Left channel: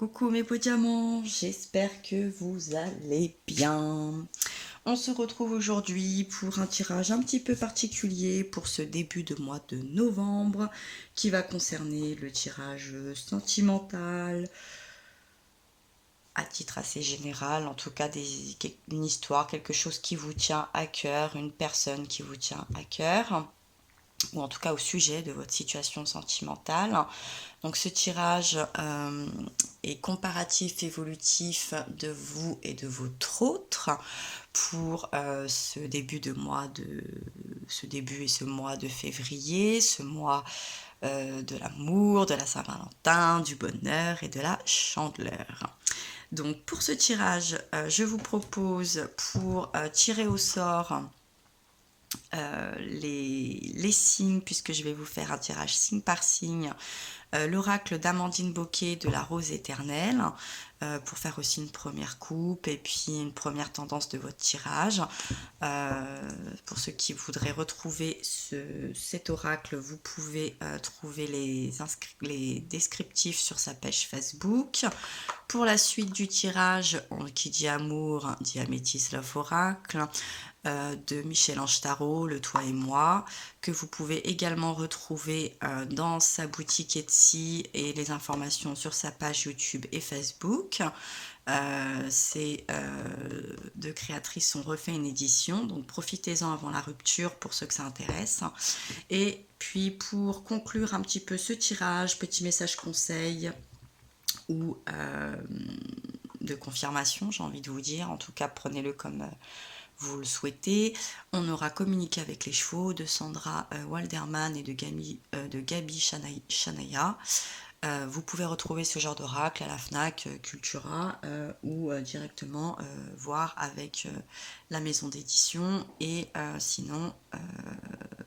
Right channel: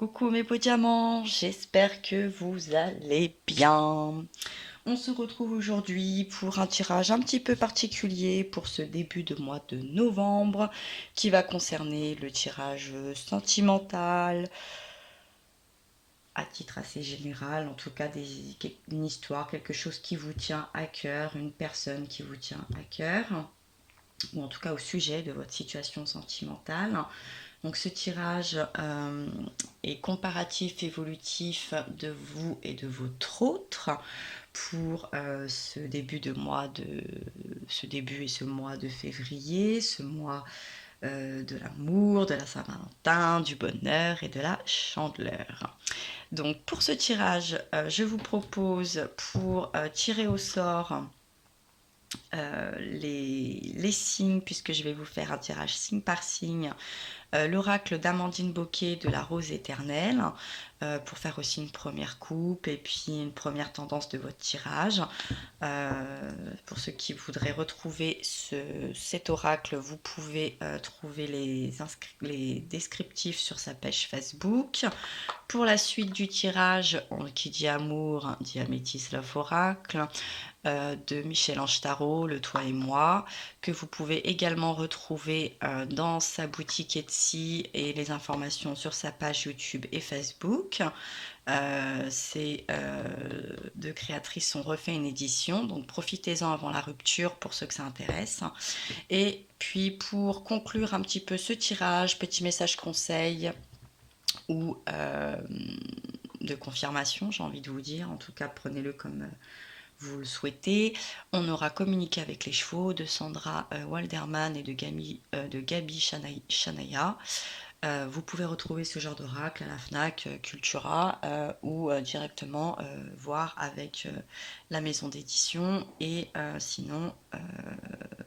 Coucou mes beaux diamants, j'espère que vous allez bien. On se retrouve aujourd'hui pour un tirage un petit peu particulier pour ce début de mois de novembre qui va concerner le tirage sentimental à titre assez général, en tout cas une histoire, quelque chose qui vous tient à cœur, une personne qui vous tient à cœur, ou en tout cas au sujet de votre situation sentimentale. Donc ce tirage est comparatif, évolutif de vous et de votre autre pour ce début et ce mois de février, ce mois de l'amour, de la Saint-Valentin, du bonheur et de la chandeleur. Donc pour ce tirage, je vous propose pour tirer au sort les signes, puisque je vais vous faire un tirage signe par signe, l'oracle d'Amandine Bocquet de la Rose Éternelle, pour faire aussi une première coupe et puis une première tendance de votre tirage. Pour ceux qui voudraient retrouver cet oracle, vous pouvez trouver les descriptifs sur sa page Facebook. Pour la suite du tirage, qui dit amour, dit Améthyste Love Oracle, de Michel-Ange Tarot, Le Toi et Moi, que vous pouvez également retrouver dans sa boutique Etsy et les informations sur sa page YouTube et Facebook. Ces deux créatrices ont refait une édition, donc profitez-en avant la rupture pour ceux que ça intéresse. Et puis pour conclure un petit peu ce tirage, petit message conseil ou de confirmation, j'ai envie de vous dire, en tout cas prenez-le comme vous le souhaitez. On aura communiqué avec les chevaux de Sandra Walderman et de Gabi Chanaya. Vous pouvez retrouver ce genre d'oracle à la FNAC, Cultura, ou directement voir avec la maison d'édition et sinon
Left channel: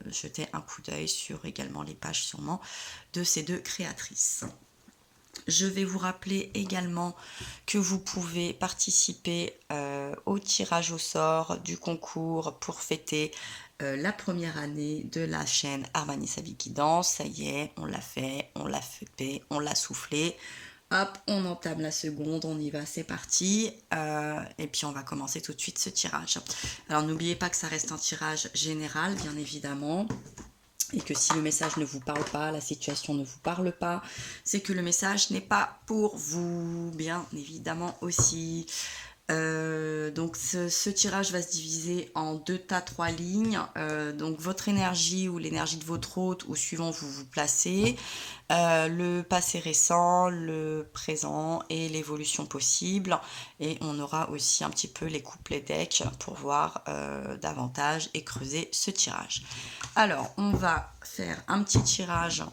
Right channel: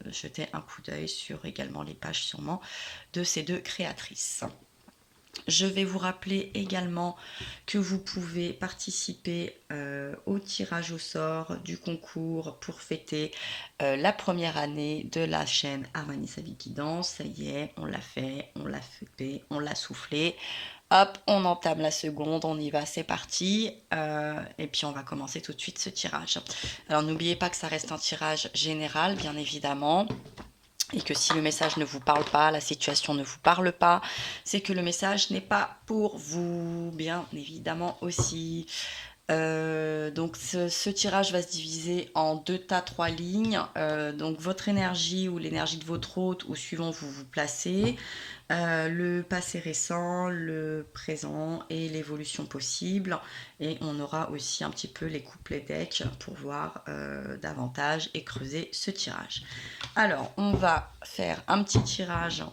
jeter un coup d'œil sur également les pages sûrement de ces deux créatrices. Je vais vous rappeler également que vous pouvez participer au tirage au sort du concours pour fêter la première année de la chaîne Armani Sa Vie qui danse. Ça y est, on l'a fait, on l'a fêté, on l'a soufflé. Hop, on entame la seconde, on y va, c'est parti. Et puis on va commencer tout de suite ce tirage. Alors n'oubliez pas que ça reste un tirage général, bien évidemment. Et que si le message ne vous parle pas, la situation ne vous parle pas, c'est que le message n'est pas pour vous, bien évidemment aussi. Donc ce tirage va se diviser en 2 tas, 3 lignes. Donc votre énergie ou l'énergie de votre hôte, ou suivant vous vous placez, le passé récent, le présent et l'évolution possible. Et on aura aussi un petit peu les couplets decks pour voir davantage et creuser ce tirage. Alors, on va faire un petit tirage.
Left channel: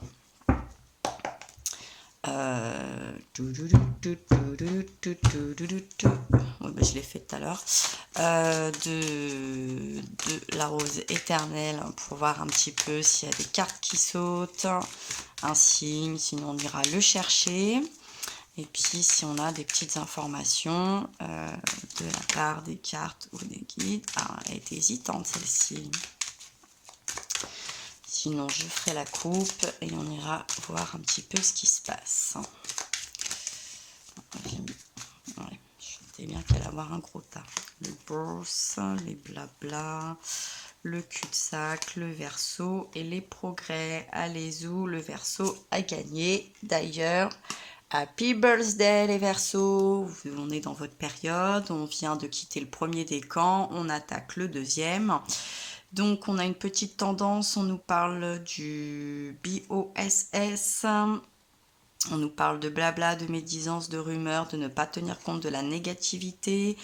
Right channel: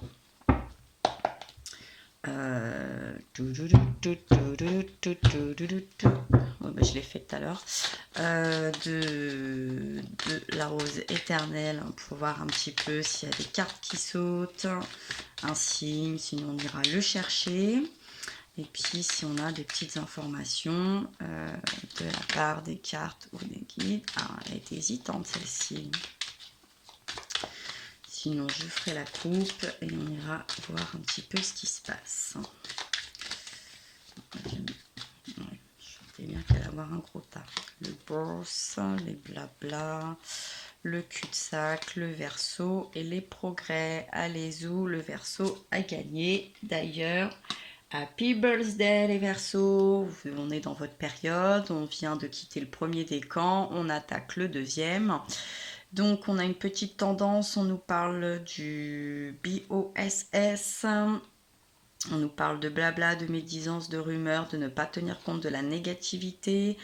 Je l'ai fait tout à l'heure. De la Rose Éternelle pour voir un petit peu s'il y a des cartes qui sautent, un signe, sinon on ira le chercher. Et puis si on a des petites informations de la part des cartes ou des guides. Ah, elle était hésitante celle-ci. Sinon, je ferai la coupe et on ira voir un petit peu ce qui se passe. Ouais, je sentais bien qu'elle allait avoir un gros tas. Le bourse, les blabla, le cul-de-sac, le verso et les progrès. Allez où le verso a gagné. D'ailleurs, happy birthday les versos. On est dans votre période. On vient de quitter le premier décan. On attaque le deuxième. Donc, on a une petite tendance, on nous parle du BOSS, on nous parle de blabla, de médisance, de rumeurs, de ne pas tenir compte de la négativité.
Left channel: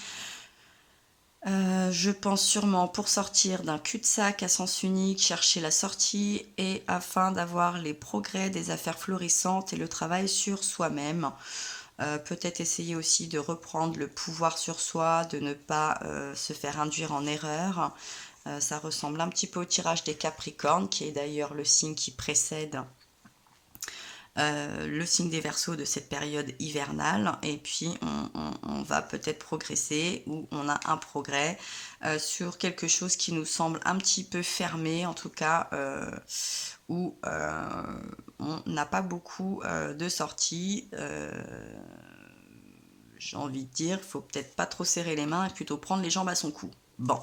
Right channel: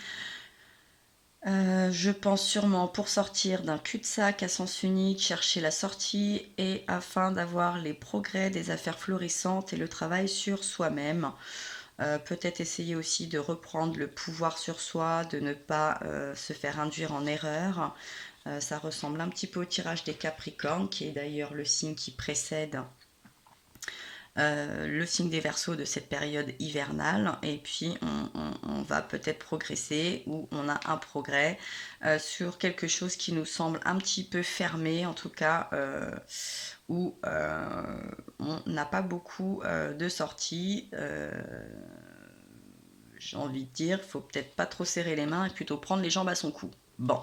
Je pense sûrement pour sortir d'un cul-de-sac à sens unique, chercher la sortie et afin d'avoir les progrès des affaires florissantes et le travail sur soi-même. Peut-être essayer aussi de reprendre le pouvoir sur soi, de ne pas se faire induire en erreur. Ça ressemble un petit peu au tirage des Capricornes, qui est d'ailleurs le signe qui précède le signe des Verseaux de cette période hivernale. Et puis on va peut-être progresser, ou on a un progrès sur quelque chose qui nous semble un petit peu fermé, en tout cas, où on n'a pas beaucoup de sorties. j'ai envie de dire, il faut peut-être pas trop serrer les mains et plutôt prendre les jambes à son cou. Bon.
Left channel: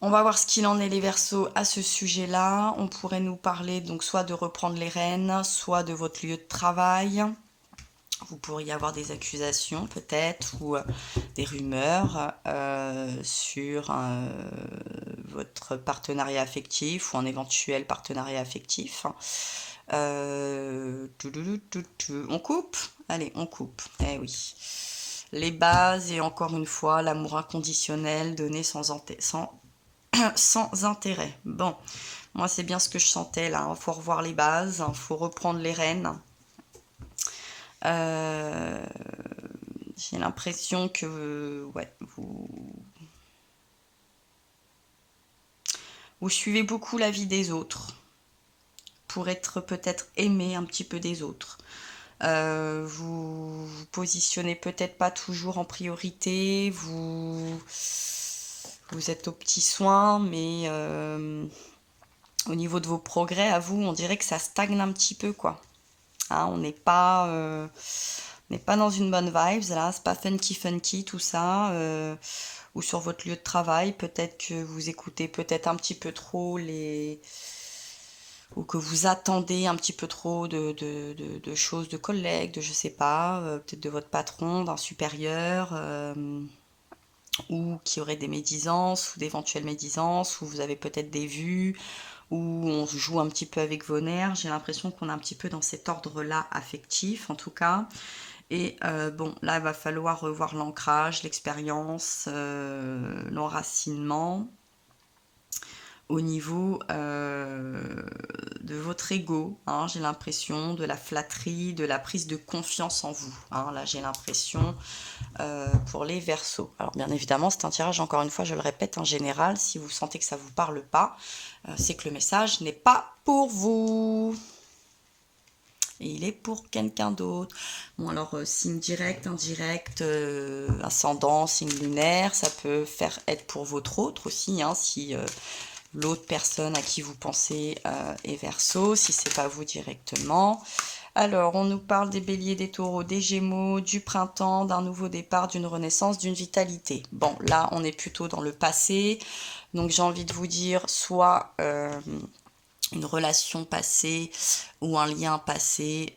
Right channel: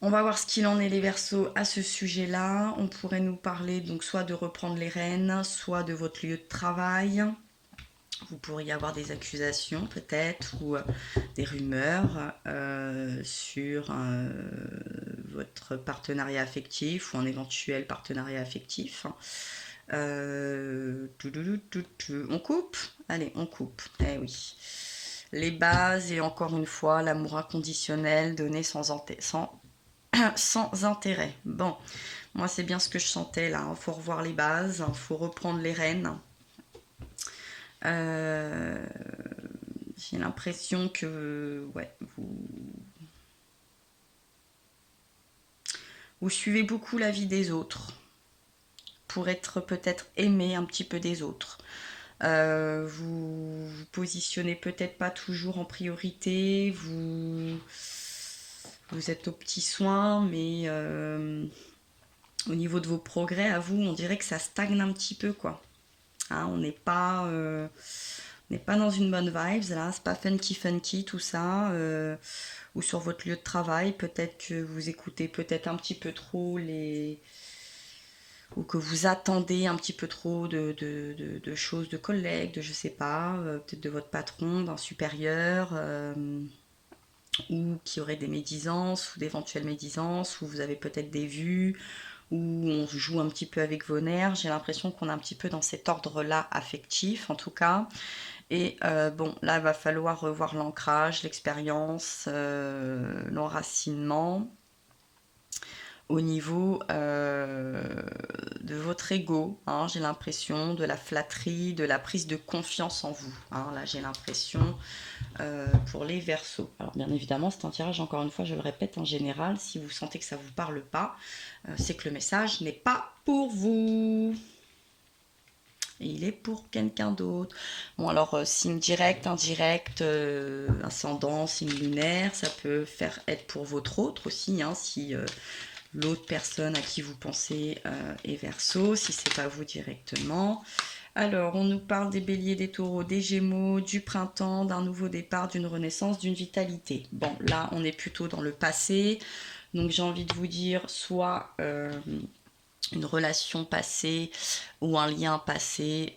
On va voir ce qu'il en est les Verseaux à ce sujet-là. On pourrait nous parler donc soit de reprendre les rênes, soit de votre lieu de travail. Vous pourriez avoir des accusations peut-être ou des rumeurs sur votre partenariat affectif ou un éventuel partenariat affectif. On coupe? Allez, on coupe. Eh oui. Les bases et encore une fois, l'amour inconditionnel donné sans intérêt. Bon, moi c'est bien ce que je sentais là. Faut revoir les bases, faut reprendre les rênes. J'ai l'impression que ouais, vous suivez beaucoup la vie des autres pour être peut-être aimé un petit peu des autres. Vous vous positionnez peut-être pas toujours en priorité, vous êtes aux petits soins, mais au niveau de vos progrès, à vous, on dirait que ça stagne un petit peu, quoi. Hein, on n'est pas dans une bonne vibe, là, c'est pas funky tout ça. Ou sur votre lieu de travail, peut-être que vous écoutez peut-être un petit peu trop ou que vous attendez un petit peu trop de choses de collègues, de je sais pas, peut-être de votre patron, d'un supérieur, ou qui aurait des médisances ou d'éventuelles médisances, ou vous avez peut-être des vues, où on joue un petit peu avec vos nerfs. J'ai l'impression qu'on est un petit peu dans cet ordre-là affectif, en tout cas. Et bon, là, il va falloir revoir l'ancrage, l'expérience, l'enracinement au niveau de votre ego. Hein, j'ai l'impression de la flatterie, de la prise de confiance en vous. Hein, là, j'ai l'impression pour les Verseaux. Alors, bien évidemment, c'est un tirage, encore une fois, je le répète, en général. Si vous sentez que ça ne vous parle pas, c'est que le message n'est pas pour vous. Et il est pour quelqu'un d'autre. Bon, alors, signe direct, indirect, ascendant, signe lunaire, ça peut être pour votre autre aussi, hein, si l'autre personne à qui vous pensez est Verseau, si c'est pas vous directement. Alors, on nous parle des béliers, des taureaux, des gémeaux, du printemps, d'un nouveau départ, d'une renaissance, d'une vitalité. Bon, là, on est plutôt dans le passé. Donc, j'ai envie de vous dire soit une relation passée ou un lien passé,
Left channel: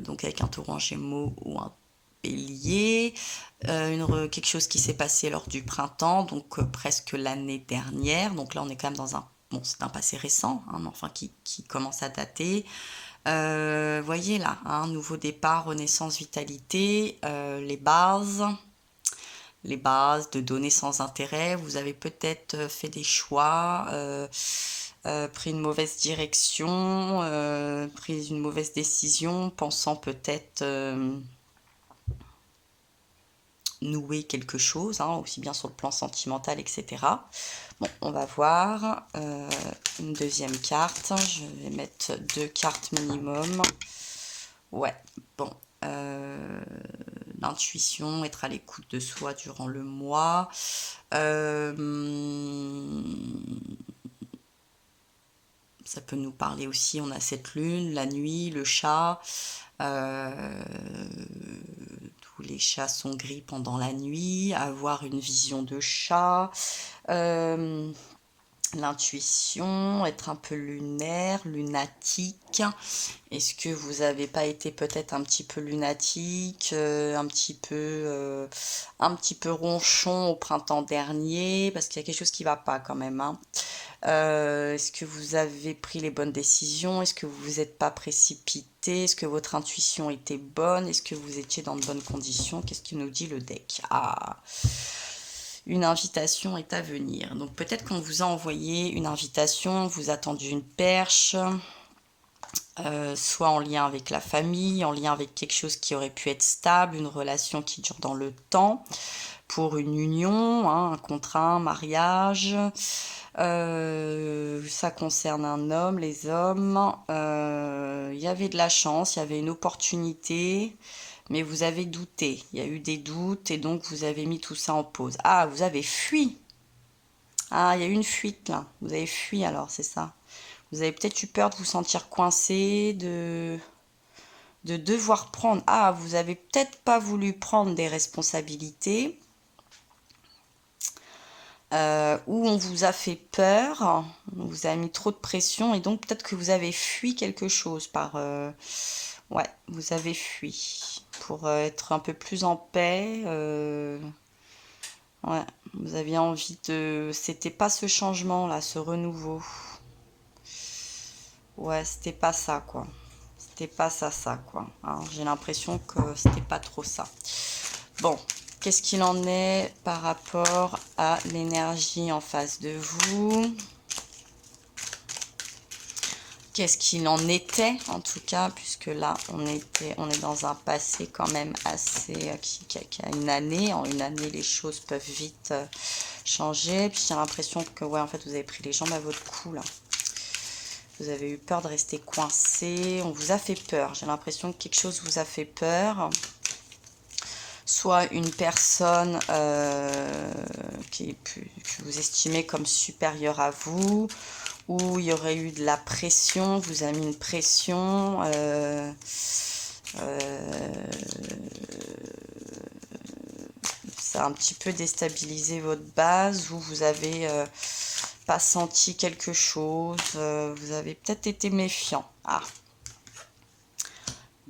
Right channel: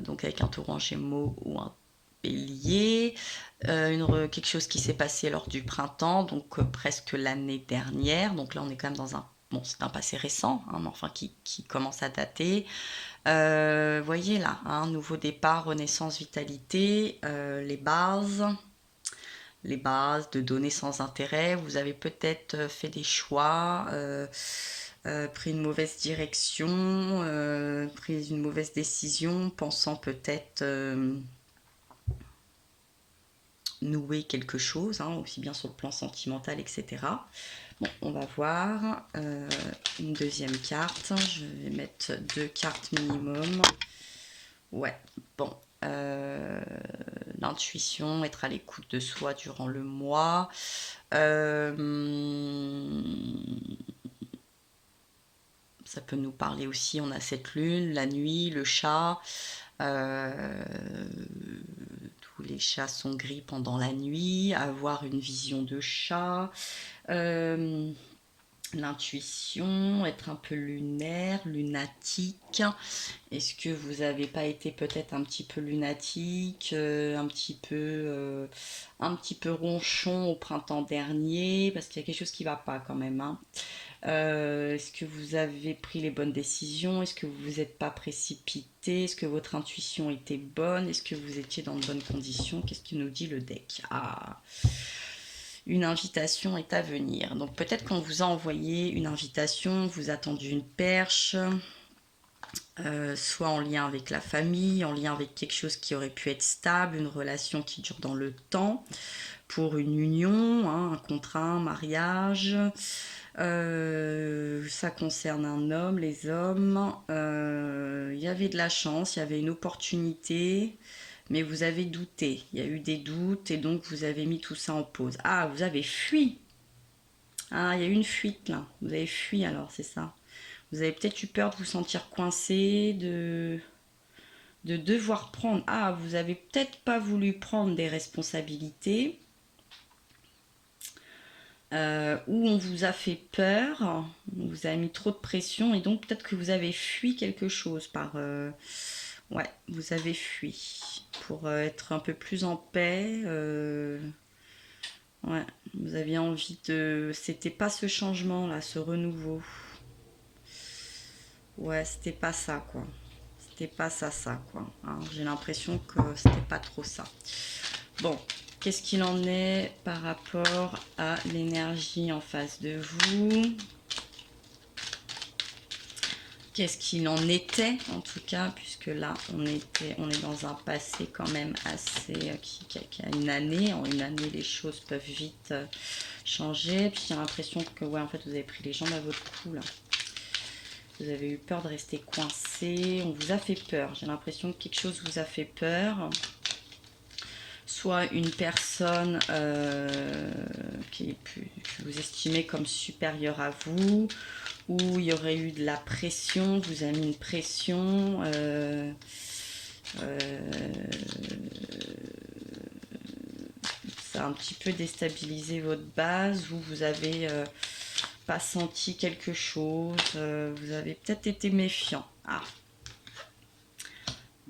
donc avec un taureau en gémeaux ou un bélier, quelque chose qui s'est passé lors du printemps, donc presque l'année dernière. Donc là, on est quand même dans c'est un passé récent, hein, mais enfin qui commence à dater. Voyez là, hein, nouveau départ, renaissance, vitalité, les bases de données sans intérêt. Vous avez peut-être fait des choix, pris une mauvaise direction, pris une mauvaise décision, pensant peut-être nouer quelque chose, hein, aussi bien sur le plan sentimental, etc. Bon, on va voir une deuxième carte. Je vais mettre 2 cartes minimum. Ouais, bon. L'intuition, être à l'écoute de soi durant le mois. Ça peut nous parler aussi, on a cette lune, la nuit, le chat. Tous les chats sont gris pendant la nuit. Avoir une vision de chat. L'intuition, être un peu lunaire, lunatique. Est-ce que vous n'avez pas été peut-être un petit peu lunatique, un petit peu ronchon au printemps dernier, parce qu'il y a quelque chose qui ne va pas quand même, hein. Est-ce que vous avez pris les bonnes décisions? Est-ce que vous vous êtes pas précipité? Est-ce que votre intuition était bonne? Est-ce que vous étiez dans de bonnes conditions? Qu'est-ce qu'il nous dit le deck? Ah, une invitation est à venir. Donc peut-être qu'on vous a envoyé une invitation, vous attendu une perche, soit en lien avec la famille, en lien avec quelque chose qui aurait pu être stable, une relation qui dure dans le temps, pour une union, hein, un contrat, un mariage. Ça concerne un homme, les hommes. Il y avait de la chance, il y avait une opportunité, mais vous avez douté. Il y a eu des doutes et donc vous avez mis tout ça en pause. Ah, vous avez fui. Ah, il y a eu une fuite là. Vous avez fui alors, c'est ça. Vous avez peut-être eu peur de vous sentir coincé, de de devoir prendre. Ah, vous avez peut-être pas voulu prendre des responsabilités, où on vous a fait peur, on vous a mis trop de pression et donc peut-être que vous avez fui quelque chose par... ouais, vous avez fui pour être un peu plus en paix. Ouais, vous aviez envie de... C'était pas ce changement-là, ce renouveau. Ouais, c'était pas ça, quoi. C'était pas ça, quoi. Hein, j'ai l'impression que c'était pas trop ça. Bon, qu'est-ce qu'il en est par rapport à l'énergie en face de vous? Qu'est-ce qu'il en était, en tout cas, puisque là, on est dans un passé quand même assez... qui a une année. En une année, les choses peuvent vite changer. Puis j'ai l'impression que, ouais, en fait, vous avez pris les jambes à votre cou, là. Vous avez eu peur de rester coincé. On vous a fait peur. J'ai l'impression que quelque chose vous a fait peur. Soit une personne que vous estimez comme supérieure à vous, ou il y aurait eu de la pression, vous a mis une pression, ça a un petit peu déstabilisé votre base, ou vous avez pas senti quelque chose, vous avez peut-être été méfiant. Ah.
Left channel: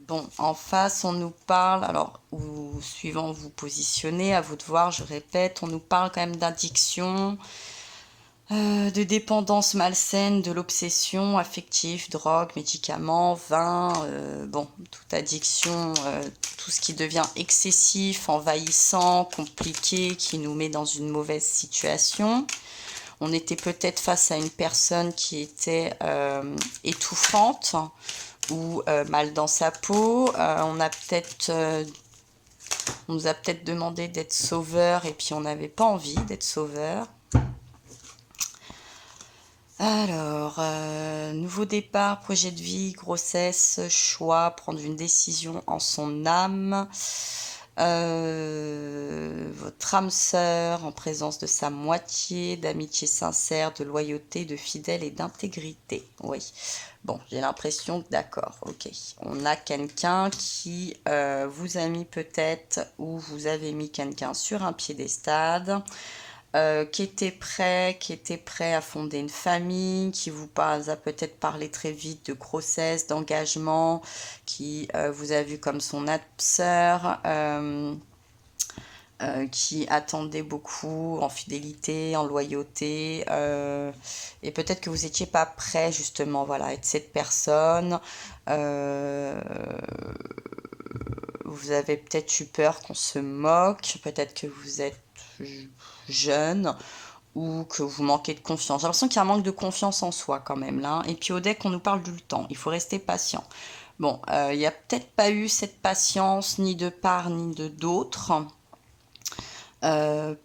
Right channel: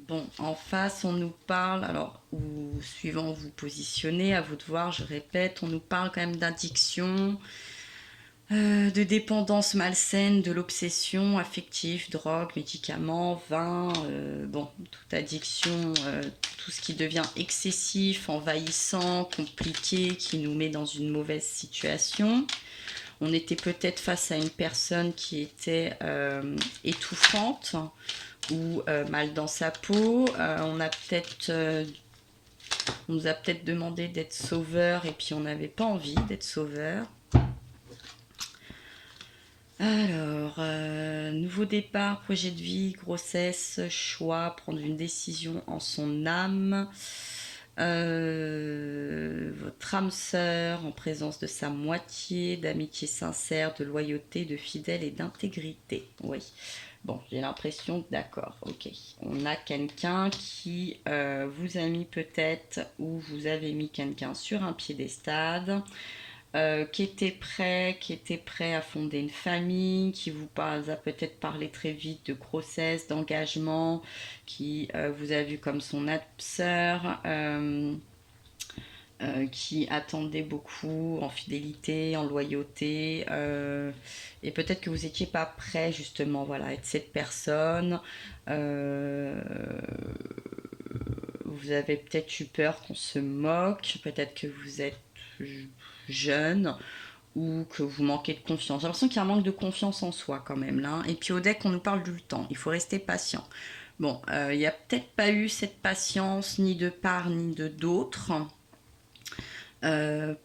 Bon, en face, on nous parle, alors, ou suivant où vous positionnez, à vous de voir, je répète, on nous parle quand même d'addiction, de dépendance malsaine, de l'obsession affective, drogue, médicaments, vin, bon, toute addiction, tout ce qui devient excessif, envahissant, compliqué, qui nous met dans une mauvaise situation. On était peut-être face à une personne qui était étouffante, ou mal dans sa peau. On nous a peut-être demandé d'être sauveur et puis on n'avait pas envie d'être sauveur. Alors, nouveau départ, projet de vie, grossesse, choix, prendre une décision en son âme. Votre âme sœur en présence de sa moitié, d'amitié sincère, de loyauté, de fidèle et d'intégrité. Oui. Bon, j'ai l'impression que d'accord, ok. On a quelqu'un qui vous a mis peut-être, ou vous avez mis quelqu'un sur un piédestal, qui était prêt à fonder une famille, qui vous a peut-être parlé très vite de grossesse, d'engagement, qui vous a vu comme son âme sœur, qui attendait beaucoup en fidélité, en loyauté, et peut-être que vous n'étiez pas prêt justement, voilà, à être cette personne. Vous avez peut-être eu peur qu'on se moque, peut-être que vous êtes jeune ou que vous manquez de confiance. J'ai l'impression qu'il y a un manque de confiance en soi quand même là. Et puis au deck, on nous parle du temps. Il faut rester patient. Bon, il n'y a peut-être pas eu cette patience ni de part ni de d'autre.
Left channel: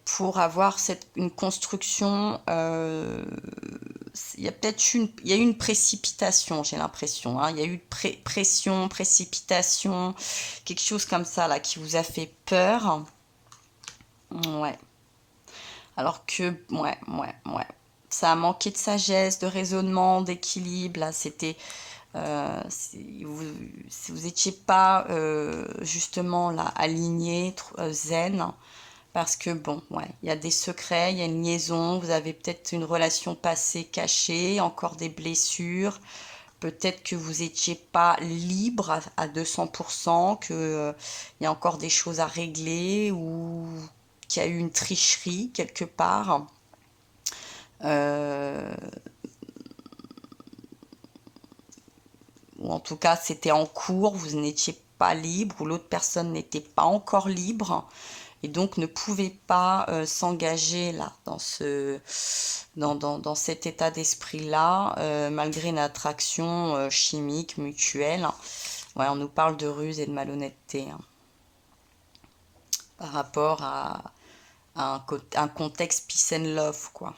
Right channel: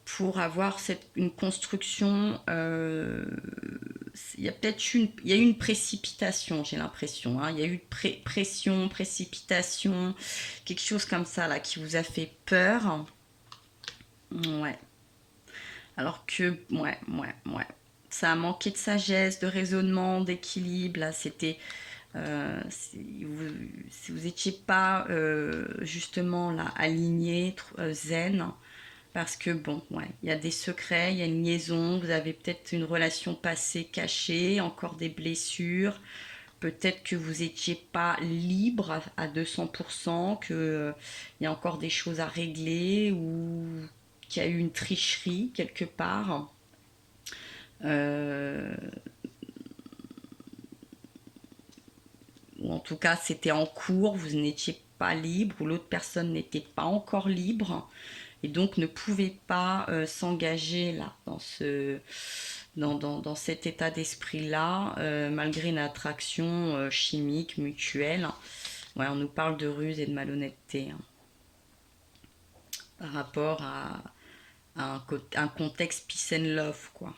Pour avoir une construction, il y a peut-être eu une précipitation, j'ai l'impression. Hein. Il y a eu pression, précipitation, quelque chose comme ça là qui vous a fait peur. Ouais. Alors que, ouais. Ça a manqué de sagesse, de raisonnement, d'équilibre. Là, c'était... si vous n'étiez pas justement là aligné, zen, parce que bon, ouais, il y a des secrets, il y a une liaison, vous avez peut-être une relation passée cachée, encore des blessures, peut-être que vous n'étiez pas libre à 200%, que il y a encore des choses à régler, ou qu'il y a eu une tricherie quelque part. Ou en tout cas c'était en cours, vous n'étiez pas libre, ou l'autre personne n'était pas encore libre, et donc ne pouvait pas s'engager là dans cet état d'esprit là, malgré une attraction chimique mutuelle. Ouais, on nous parle de ruse et de malhonnêteté, hein, par rapport à un contexte peace and love, quoi.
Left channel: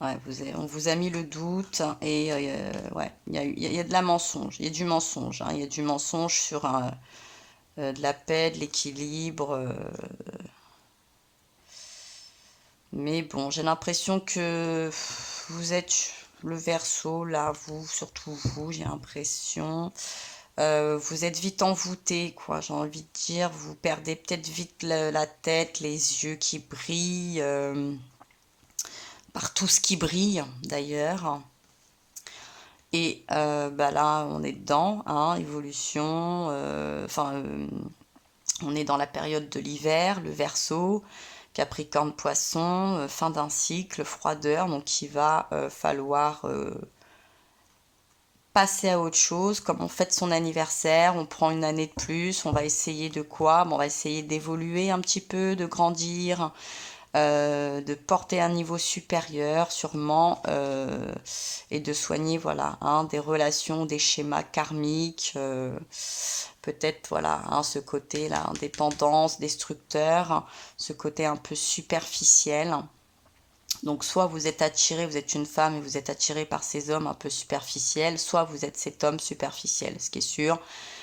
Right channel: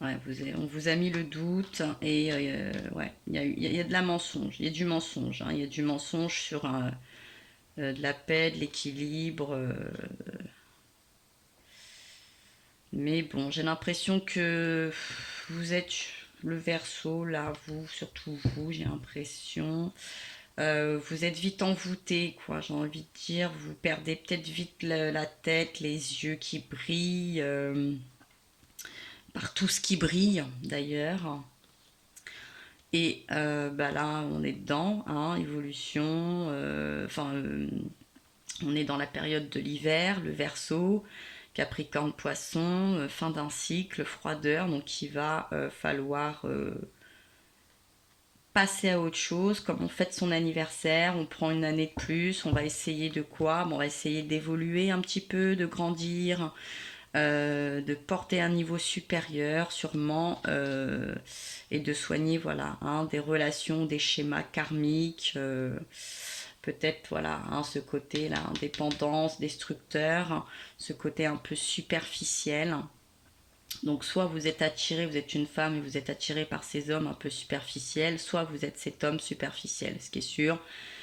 Ouais, on vous a mis le doute, et ouais, il y a de la mensonge, il y a du mensonge, hein, il y a du mensonge sur de la paix, de l'équilibre. Mais bon, j'ai l'impression que vous êtes le Verseau, là, vous, surtout vous, j'ai l'impression. Vous êtes vite envoûté, quoi, j'ai envie de dire. Vous perdez peut-être vite la tête, les yeux qui brillent, par tout ce qui brille d'ailleurs. Et bah là, on est dedans, hein, évolution. On est dans la période de l'hiver, le Verseau, Capricorne, Poisson, fin d'un cycle, froideur. Donc il va falloir passer à autre chose. Comme on fête son anniversaire, on prend une année de plus. On va essayer de quoi? Bon, on va essayer d'évoluer un petit peu, de grandir. De porter un niveau supérieur sûrement et de soigner voilà hein, des relations, des schémas karmiques, peut-être voilà hein, ce côté là, indépendance, destructeur, ce côté un peu superficiel. Donc soit vous êtes attiré, vous êtes une femme et vous êtes attiré par ces hommes un peu superficiels, soit vous êtes cet homme superficiel. Ce qui est sûr,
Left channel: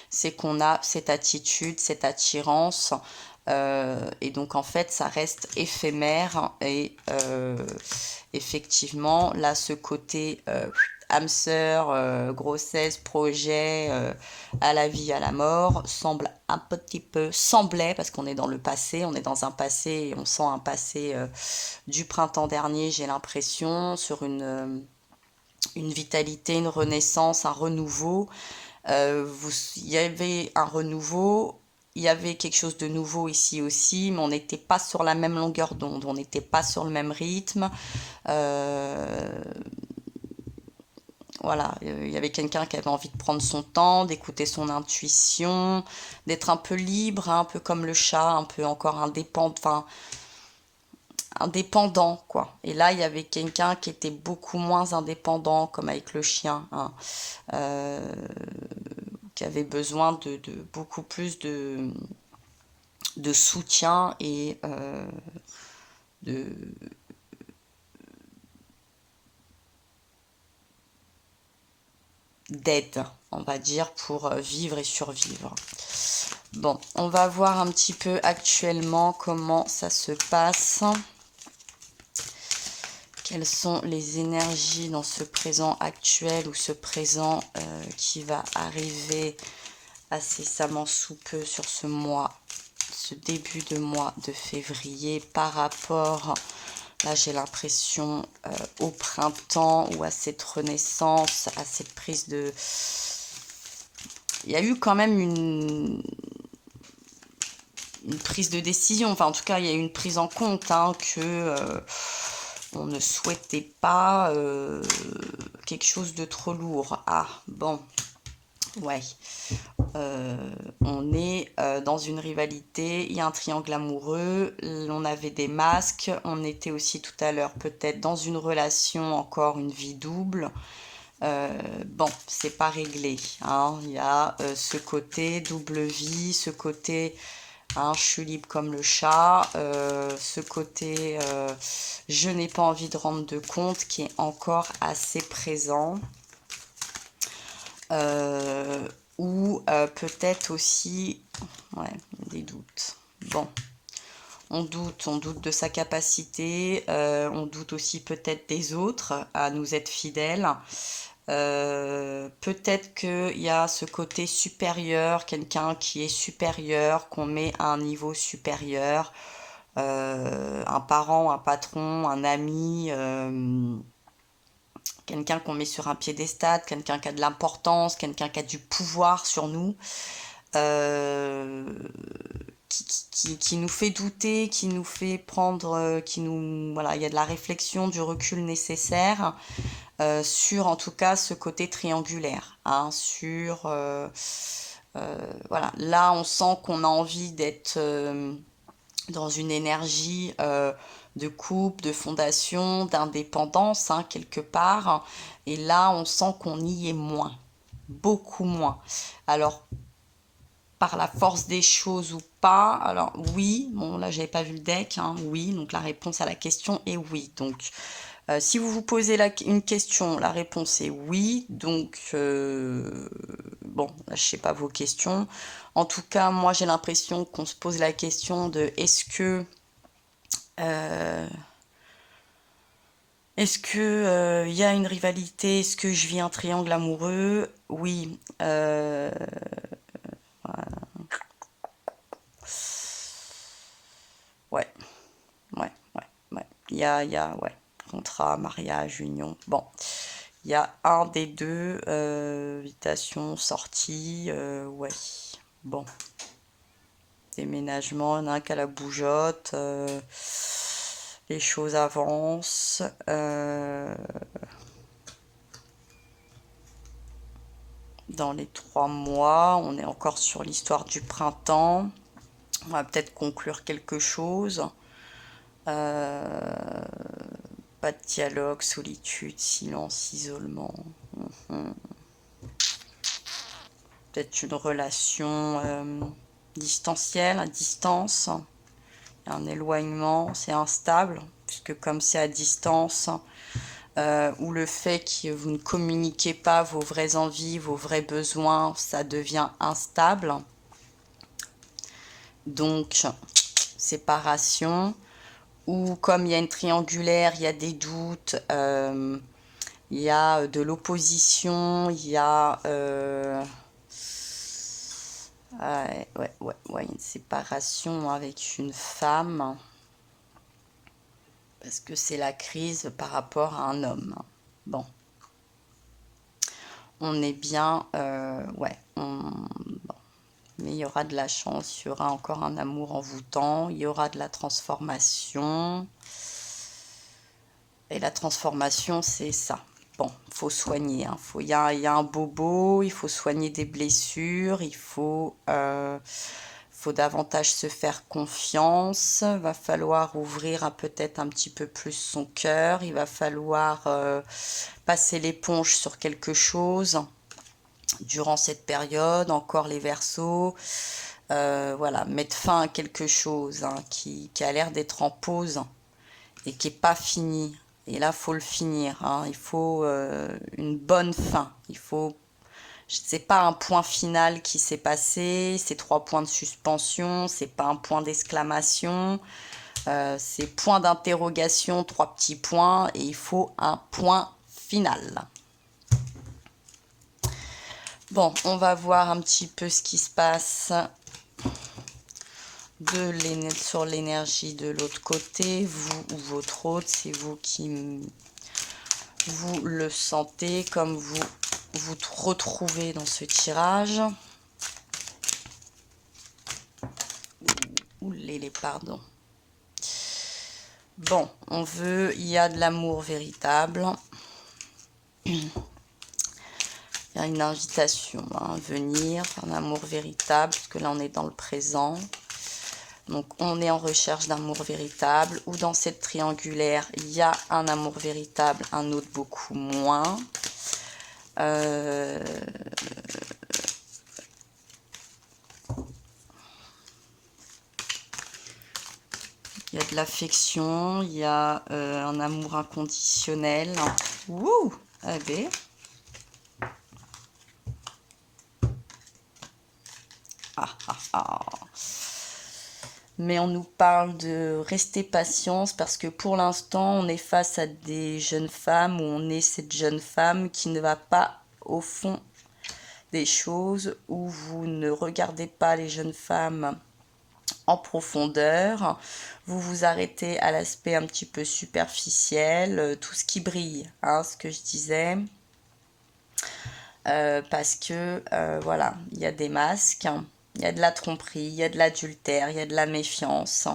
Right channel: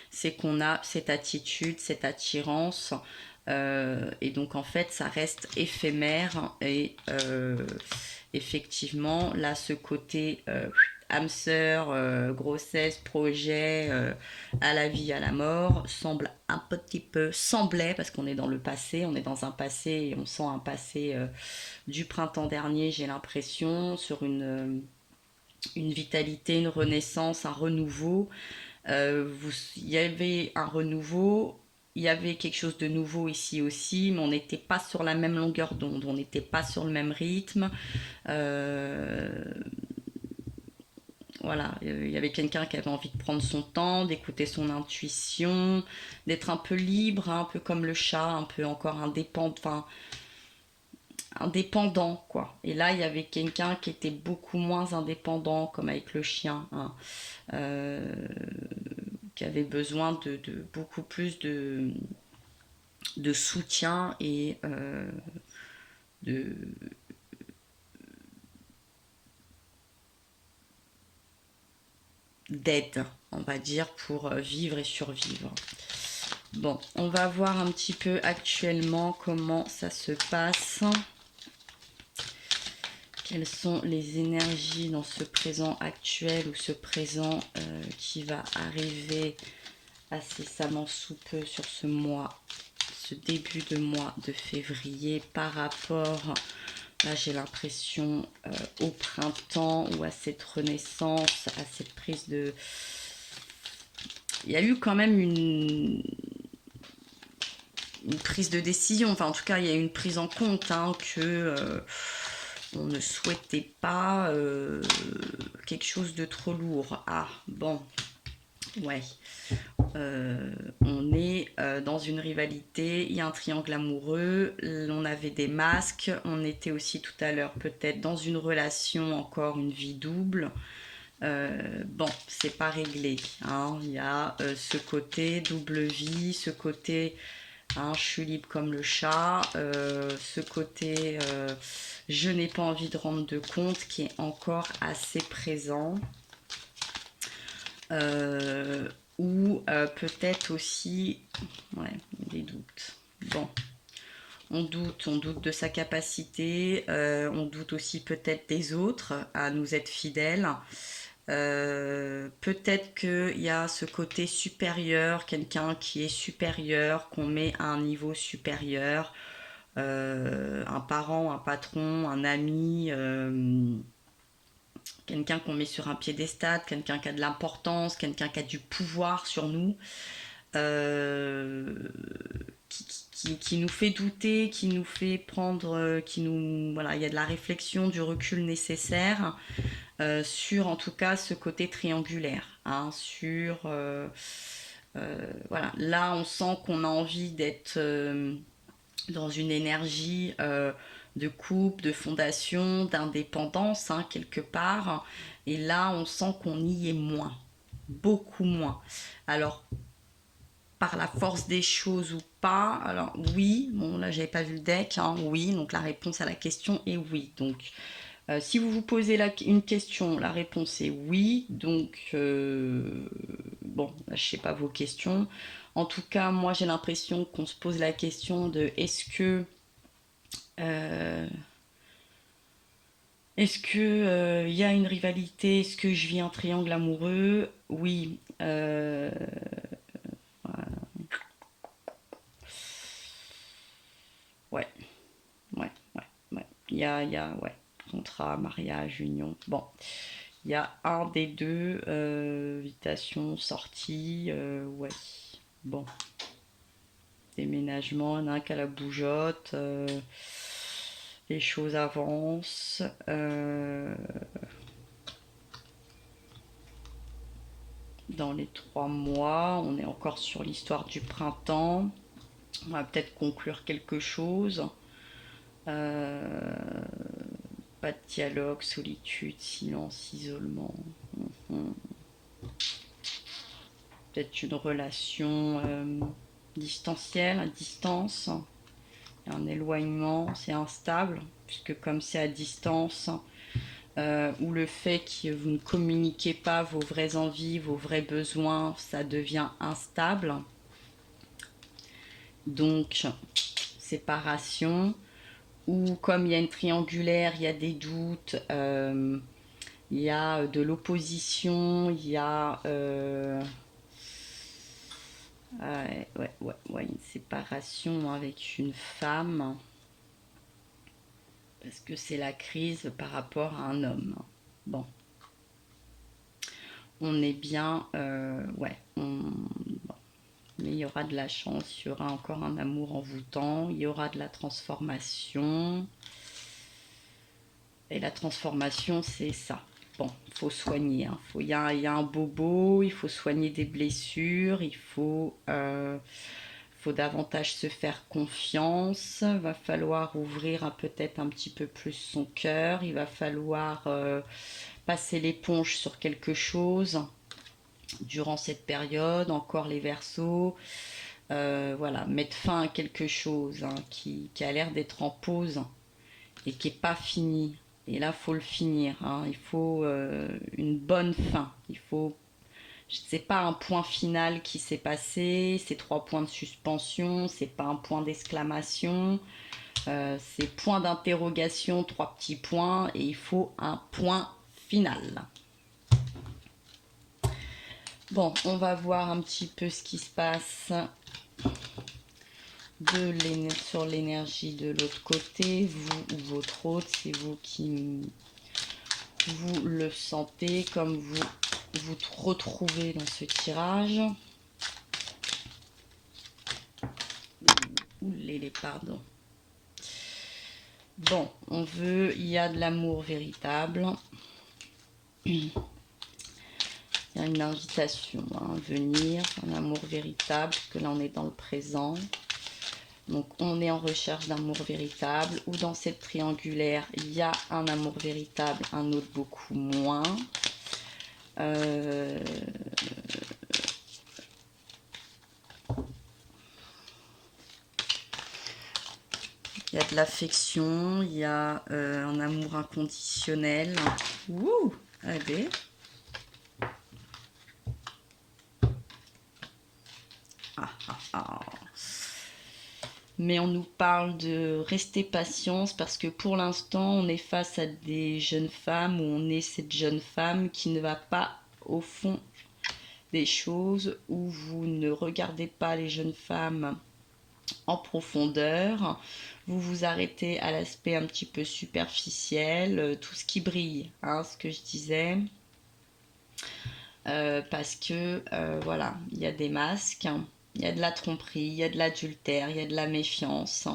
c'est qu'on a cette attitude, cette attirance, et donc en fait ça reste éphémère et effectivement là ce côté âme sœur, grossesse, projet, à la vie, à la mort, semble un petit peu, semblait, parce qu'on est dans le passé, on est dans un passé et on sent un passé du printemps dernier, j'ai l'impression, sur une vitalité, une renaissance, un renouveau. Il y avait un renouveau, il y avait quelque chose de nouveau ici aussi, mais on n'était pas sur la même longueur d'onde, on n'était pas sur le même rythme. Euh, voilà, il y avait quelqu'un qui avait envie de prendre son temps, d'écouter son intuition, d'être un peu libre, hein, un peu comme le chat, un peu encore indépendant, enfin, indépendant, quoi. Et là, il y avait quelqu'un qui était beaucoup moins indépendant, comme avec le chien, hein, euh, qui avait besoin de beaucoup plus de soutien et de d'aide, on va dire, pour vivre et survivre. Bon, on va voir un petit peu actuellement comment ça se passe. Quelles sont les énergies dans ce présent actuel ou ce présent qui va arriver incessamment sous peu sur ce mois, ce début de mois de février par rapport, là j'ai l'impression, au printemps ou à cette renaissance, à cette prise de... Il y a eu quand même une prise de décision, enfin en tout cas il y a eu une prise en compte hein, que on ne souhaitait pas quelque chose de trop lourd. Ah bon, ouais. On est dans une rivalité, il y a un triangle amoureux, on avait des masques, on était aussi tout à l'heure peut-être dans une relation, encore une vie double. Bon, c'est pas réglé, hein. Il y a ce côté double vie, ce côté hein, je suis libre comme le chat, ce côté je n'ai pas envie de rendre de compte qui est encore assez présent. Ou peut-être aussi ouais, des doutes. Bon, on doute de sa capacité, on doute aussi peut-être des autres à nous être fidèles. Peut-être qu'il y a ce côté supérieur, quelqu'un qui est supérieur, qu'on met à un niveau supérieur, un parent, un patron, un ami, quelqu'un qu'on met sur un piédestal, quelqu'un qui a de l'importance, quelqu'un qui a du pouvoir sur nous, euh, qui nous fait douter, qui nous fait prendre, qui nous, voilà, il y a de la réflexion, du recul nécessaire sur en tout cas ce côté triangulaire, hein, sur voilà, là on sent qu'on a envie d'être dans une énergie de couple, de fondation, d'indépendance, hein, quelque part. Et là, on sent qu'on y est moins, beaucoup moins. Alors, par la force des choses ou pas, alors oui, bon là j'avais pas vu le deck, hein, oui, donc la réponse à la question est oui. Donc si vous vous posez une question, la réponse est oui. Donc, bon, je sais pas vos questions. En tout cas, moi, j'ai l'impression qu'on se pose la question de euh, est-ce que y a une rivalité? Est-ce que je vis un triangle amoureux? Oui. ouais, contrat, mariage, union. Bon, il y a un des deux, invitation, sortie, ouais, bon. Déménagement, il y en a un qui a la bougeotte, les choses avancent. Dans les 3 mois, on est encore sur l'histoire du printemps. On va peut-être conclure quelque chose. Pas de dialogue, solitude, silence, isolement. Peut-être une relation distancielle, à distance. Un éloignement, c'est instable, puisque comme c'est à distance, ou le fait que vous ne communiquez pas vos vraies envies, vos vrais besoins, ça devient instable. Donc, séparation. Ou comme il y a une triangulaire, il y a des doutes, il y a de l'opposition, il y a une séparation avec une femme. Parce que c'est la crise par rapport à un homme. Bon. On est bien, bon. Mais il y aura de la chance, il y aura encore un amour envoûtant, il y aura de la transformation. Et la transformation, c'est ça. Bon, il faut soigner. Hein. Il y a un bobo, il faut soigner des blessures, il faut davantage se faire confiance. Il va falloir ouvrir peut-être un petit peu plus son cœur. Il va falloir passer l'éponge sur quelque chose durant cette période. Encore les Verseaux. Voilà, mettre fin à quelque chose qui a l'air d'être en pause et qui n'est pas fini. Et là, il faut le finir. Il faut une bonne fin. Il faut... C'est pas un point final qui s'est passé, c'est 3 points de suspension, c'est pas un point d'exclamation, c'est point d'interrogation, 3 petits points, et il faut un point final. Bon, on va voir un petit peu ce qui se passe sur l'énergie de l'autre côté, vous ou votre autre, c'est vous qui vous le sentez, comme vous retrouvez dans ce tirage. Pardon. Bon, il y a de l'amour véritable. Il y a une invitation à venir, un amour véritable, parce que là on est dans le présent. Donc on est en recherche d'amour véritable, ou dans cette triangulaire, il y a un amour véritable, un autre beaucoup moins. Il y a de l'affection, il y a un amour inconditionnel. Wouh! Allez. Mais on nous parle de rester patience parce que pour l'instant, on est face à des jeunes femmes, où on est cette jeune femme qui ne va pas au fond des choses, où vous ne regardez pas les jeunes femmes en profondeur, vous vous arrêtez à l'aspect un petit peu superficiel, tout ce qui brille, ce que je disais, parce que voilà, il y a des masques, il y a de la tromperie, il y a de l'adultère, il y a de la méfiance.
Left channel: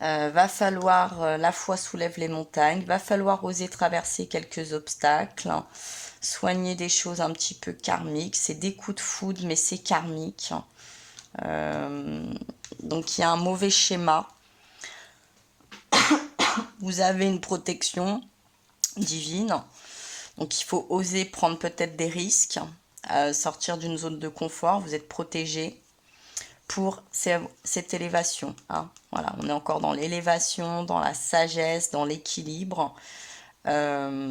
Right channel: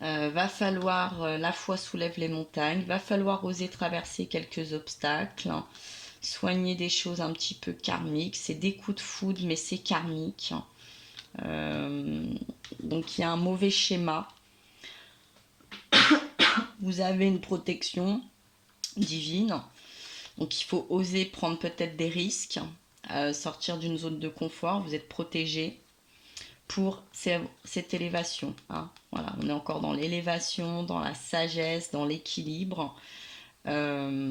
Va falloir, la foi soulève les montagnes, va falloir oser traverser quelques obstacles, soigner des choses un petit peu karmiques, c'est des coups de foudre mais c'est karmique. Donc il y a un mauvais schéma. Vous avez une protection divine, donc il faut oser prendre peut-être des risques, sortir d'une zone de confort, vous êtes protégé pour cette élévation. Voilà, on est encore dans l'élévation, dans la sagesse, dans l'équilibre, par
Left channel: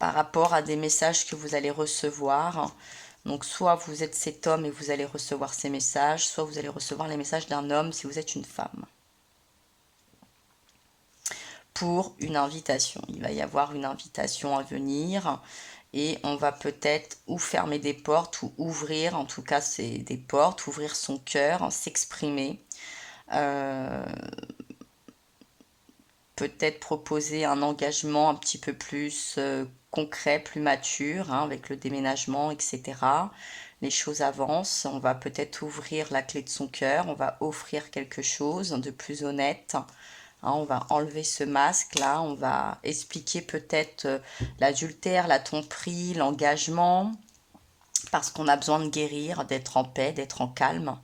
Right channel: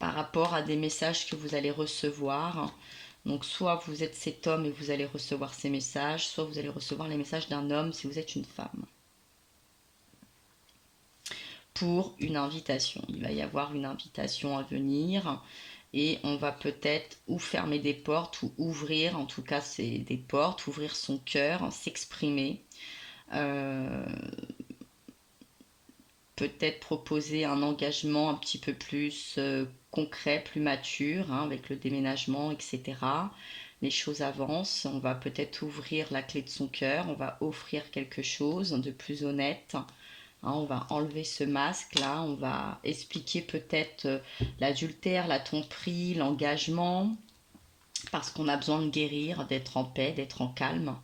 rapport à des messages que vous allez recevoir. Donc soit vous êtes cet homme et vous allez recevoir ces messages, soit vous allez recevoir les messages d'un homme si vous êtes une femme. Pour une invitation, il va y avoir une invitation à venir et on va peut-être ou fermer des portes ou ouvrir, en tout cas c'est des portes, ouvrir son cœur, s'exprimer. peut-être proposer un engagement un petit peu plus concret, plus mature, hein, avec le déménagement, etc. Les choses avancent, on va peut-être ouvrir la clé de son cœur, on va offrir quelque chose de plus honnête. Hein, on va enlever ce masque-là, on va expliquer peut-être l'adultère, la tromperie, l'engagement, parce qu'on a besoin de guérir, d'être en paix, d'être en calme.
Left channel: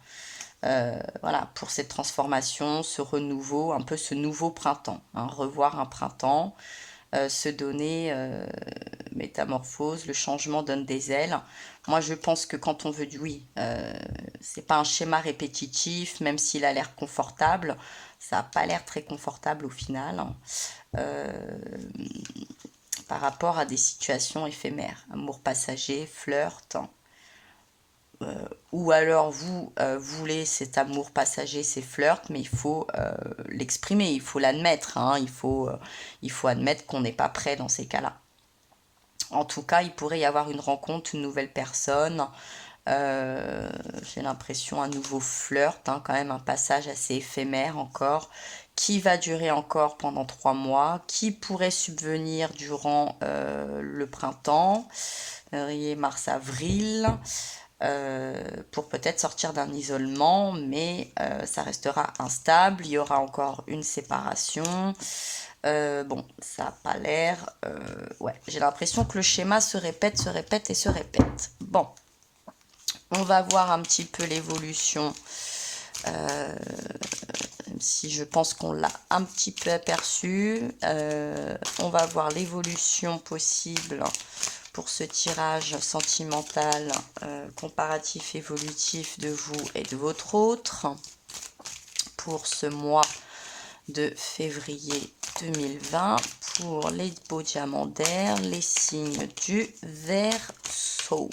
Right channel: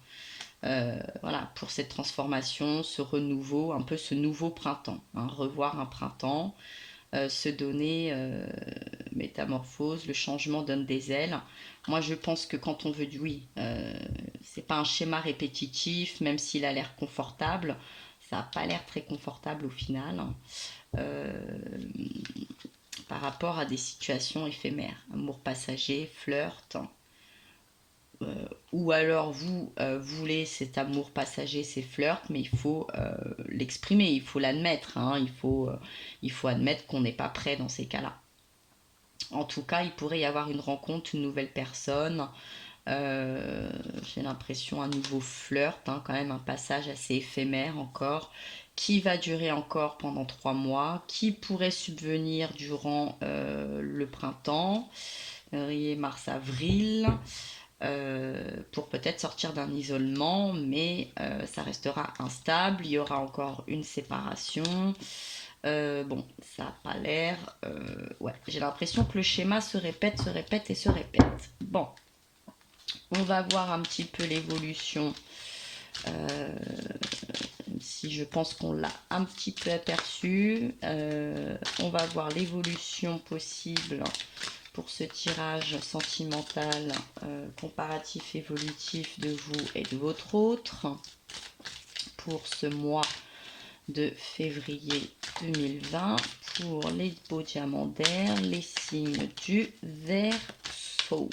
Voilà, pour cette transformation, ce renouveau, un peu ce nouveau printemps, hein, revoir un printemps, se donner métamorphose, le changement donne des ailes. Moi, je pense que quand on veut du oui, c'est pas un schéma répétitif, même s'il a l'air confortable, ça n'a pas l'air très confortable au final, par rapport à des situations éphémères, amour passager, flirt, ou alors vous voulez cet amour passager, ces flirts, mais il faut l'exprimer, il faut l'admettre, hein, il faut admettre qu'on n'est pas prêt dans ces cas-là. En tout cas, il pourrait y avoir une rencontre, une nouvelle personne, j'ai l'impression un nouveau flirt, hein, quand même un passage assez éphémère encore, qui va durer encore pendant 3 mois, qui pourrait subvenir durant le printemps, février, mars, avril, pour peut-être sortir d'un isolement, mais ça restera instable, il y aura encore une séparation. Bon, ça n'a pas l'air... ouais, j'ai l'impression que le schéma se répète, se répète et se répète. Bon, on va voir un petit peu l'évolution, même si je pense qu'on l'a un petit peu aperçu. On va voir l'évolution possible pour ce tirage sentimental, comparatif, évolutif de vous et de votre autre pour ce mois de février 2020 pour les beaux diamants d'air, les signes du Verseau.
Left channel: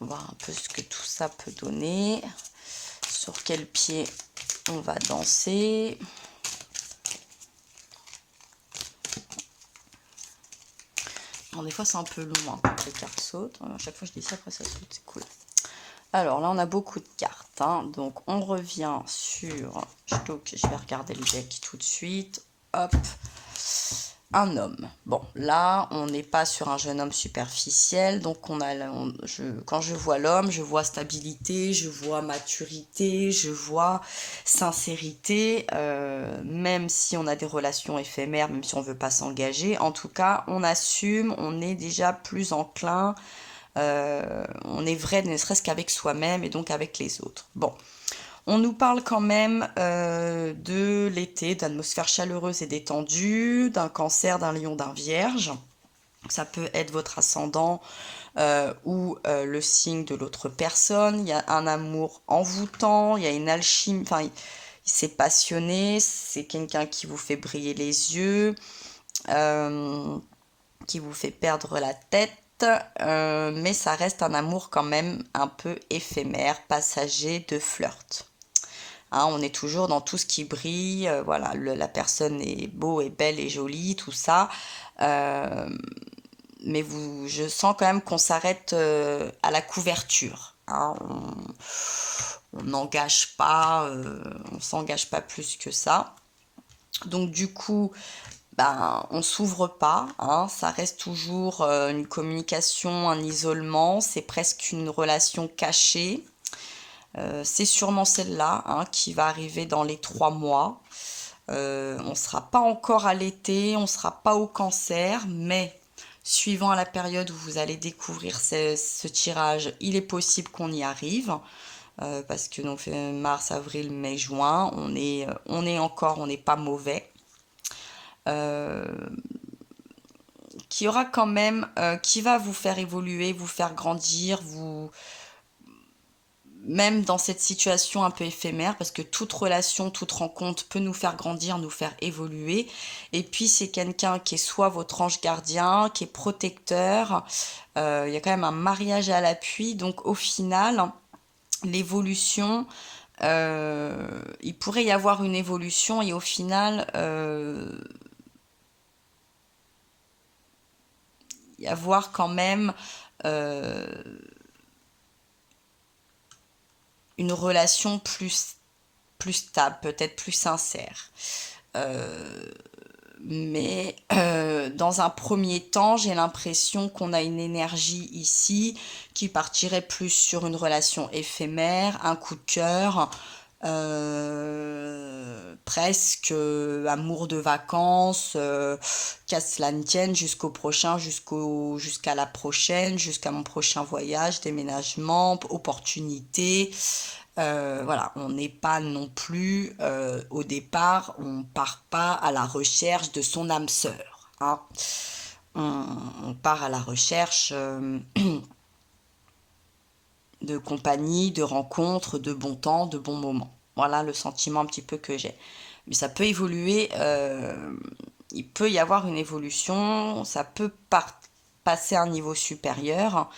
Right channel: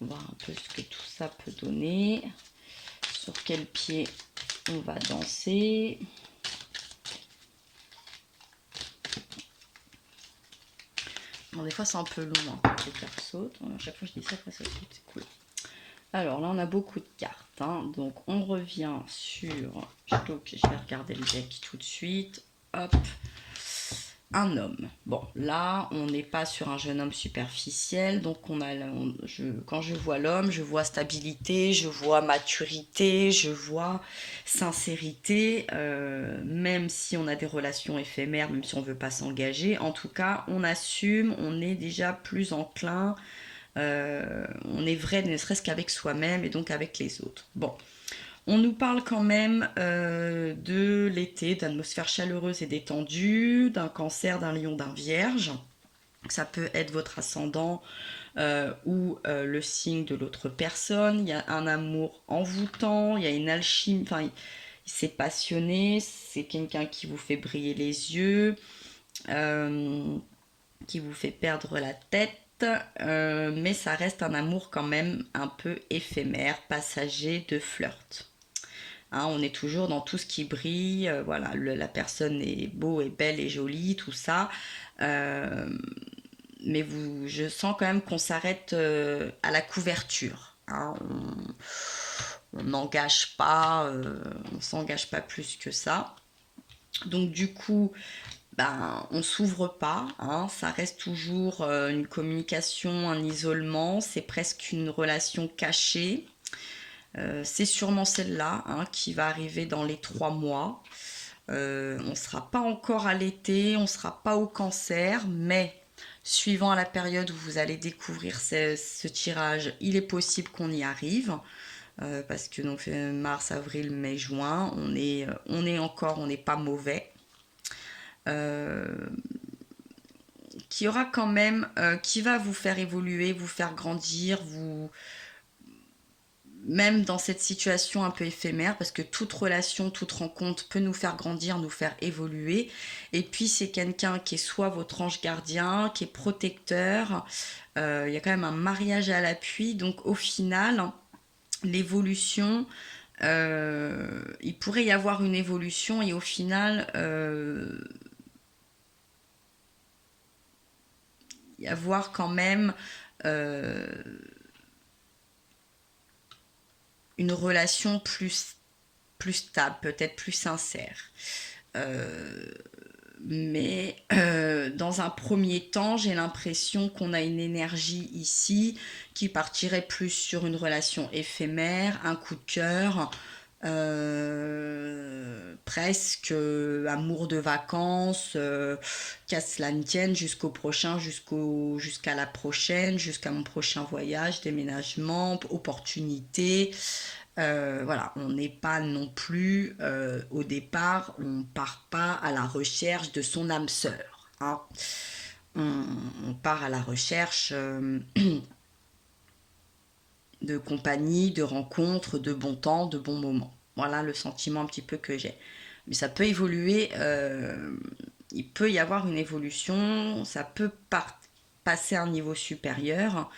On va voir un peu ce que tout ça peut donner, sur quel pied on va danser. Bon, des fois c'est un peu long hein, quand les cartes sautent. À chaque fois je dis ça, après ça saute, c'est cool. Alors là on a beaucoup de cartes, hein. Donc on revient sur, je vais regarder le deck tout de suite, hop, un homme. Bon là on n'est pas sur un jeune homme superficiel, donc quand je vois l'homme, je vois stabilité, je vois maturité, je vois sincérité, même si on a des relations éphémères, même si on ne veut pas s'engager, en tout cas on assume, on est déjà plus enclin. On est vrai ne serait-ce qu'avec soi-même et donc avec les autres. Bon, on nous parle quand même de l'été, d'atmosphère chaleureuse et détendue, d'un cancer, d'un lion, d'un vierge. Ça peut être votre ascendant ou le signe de l'autre personne. Il y a un amour envoûtant, il y a une alchimie, enfin, c'est passionné, c'est quelqu'un qui vous fait briller les yeux, qui vous fait perdre la tête. Mais ça reste un amour quand même un peu éphémère, passager, de flirt. Hein, on est toujours dans tout ce qui brille, voilà, la personne est beau et belle et jolie, tout ça. Mais je sens quand même qu'on s'arrête à la couverture. Hein, on n'engage pas, on s'engage pas plus que ça. Donc du coup, ben, on s'ouvre pas, hein, ça reste toujours une communication, un isolement, c'est presque une relation cachée. C'est sûrement celle-là hein, qui va arriver dans les 3 mois. On ne sera pas encore à l'été, on ne sera pas au cancer, mais suivant la période où vous allez découvrir ce tirage, il est possible qu'on y arrive. Parce que donc mars, avril, mai, juin, on n'est pas mauvais. Qui aura quand même, qui va vous faire évoluer, vous faire grandir, même dans cette situation un peu éphémère, parce que toute relation, toute rencontre peut nous faire grandir, nous faire évoluer. Et puis c'est quelqu'un qui est soit votre ange gardien, qui est protecteur. Il y a quand même un mariage à l'appui, donc au final, l'évolution, il pourrait y avoir une évolution et au final, y avoir quand même une relation plus stable, peut-être plus sincère. Mais dans un premier temps, j'ai l'impression qu'on a une énergie ici qui partirait plus sur une relation éphémère, un coup de cœur, presque amour de vacances, qu'à cela ne tienne jusqu'au prochain, jusqu'à la prochaine, jusqu'à mon prochain voyage, déménagement, opportunité. Voilà, on n'est pas non plus au départ, on part pas à la recherche de son âme sœur, hein. On part à la recherche de compagnie, de rencontres, de bon temps, de bons moments. Voilà le sentiment un petit peu que j'ai. Mais ça peut évoluer, il peut y avoir une évolution, ça peut passer à un niveau supérieur.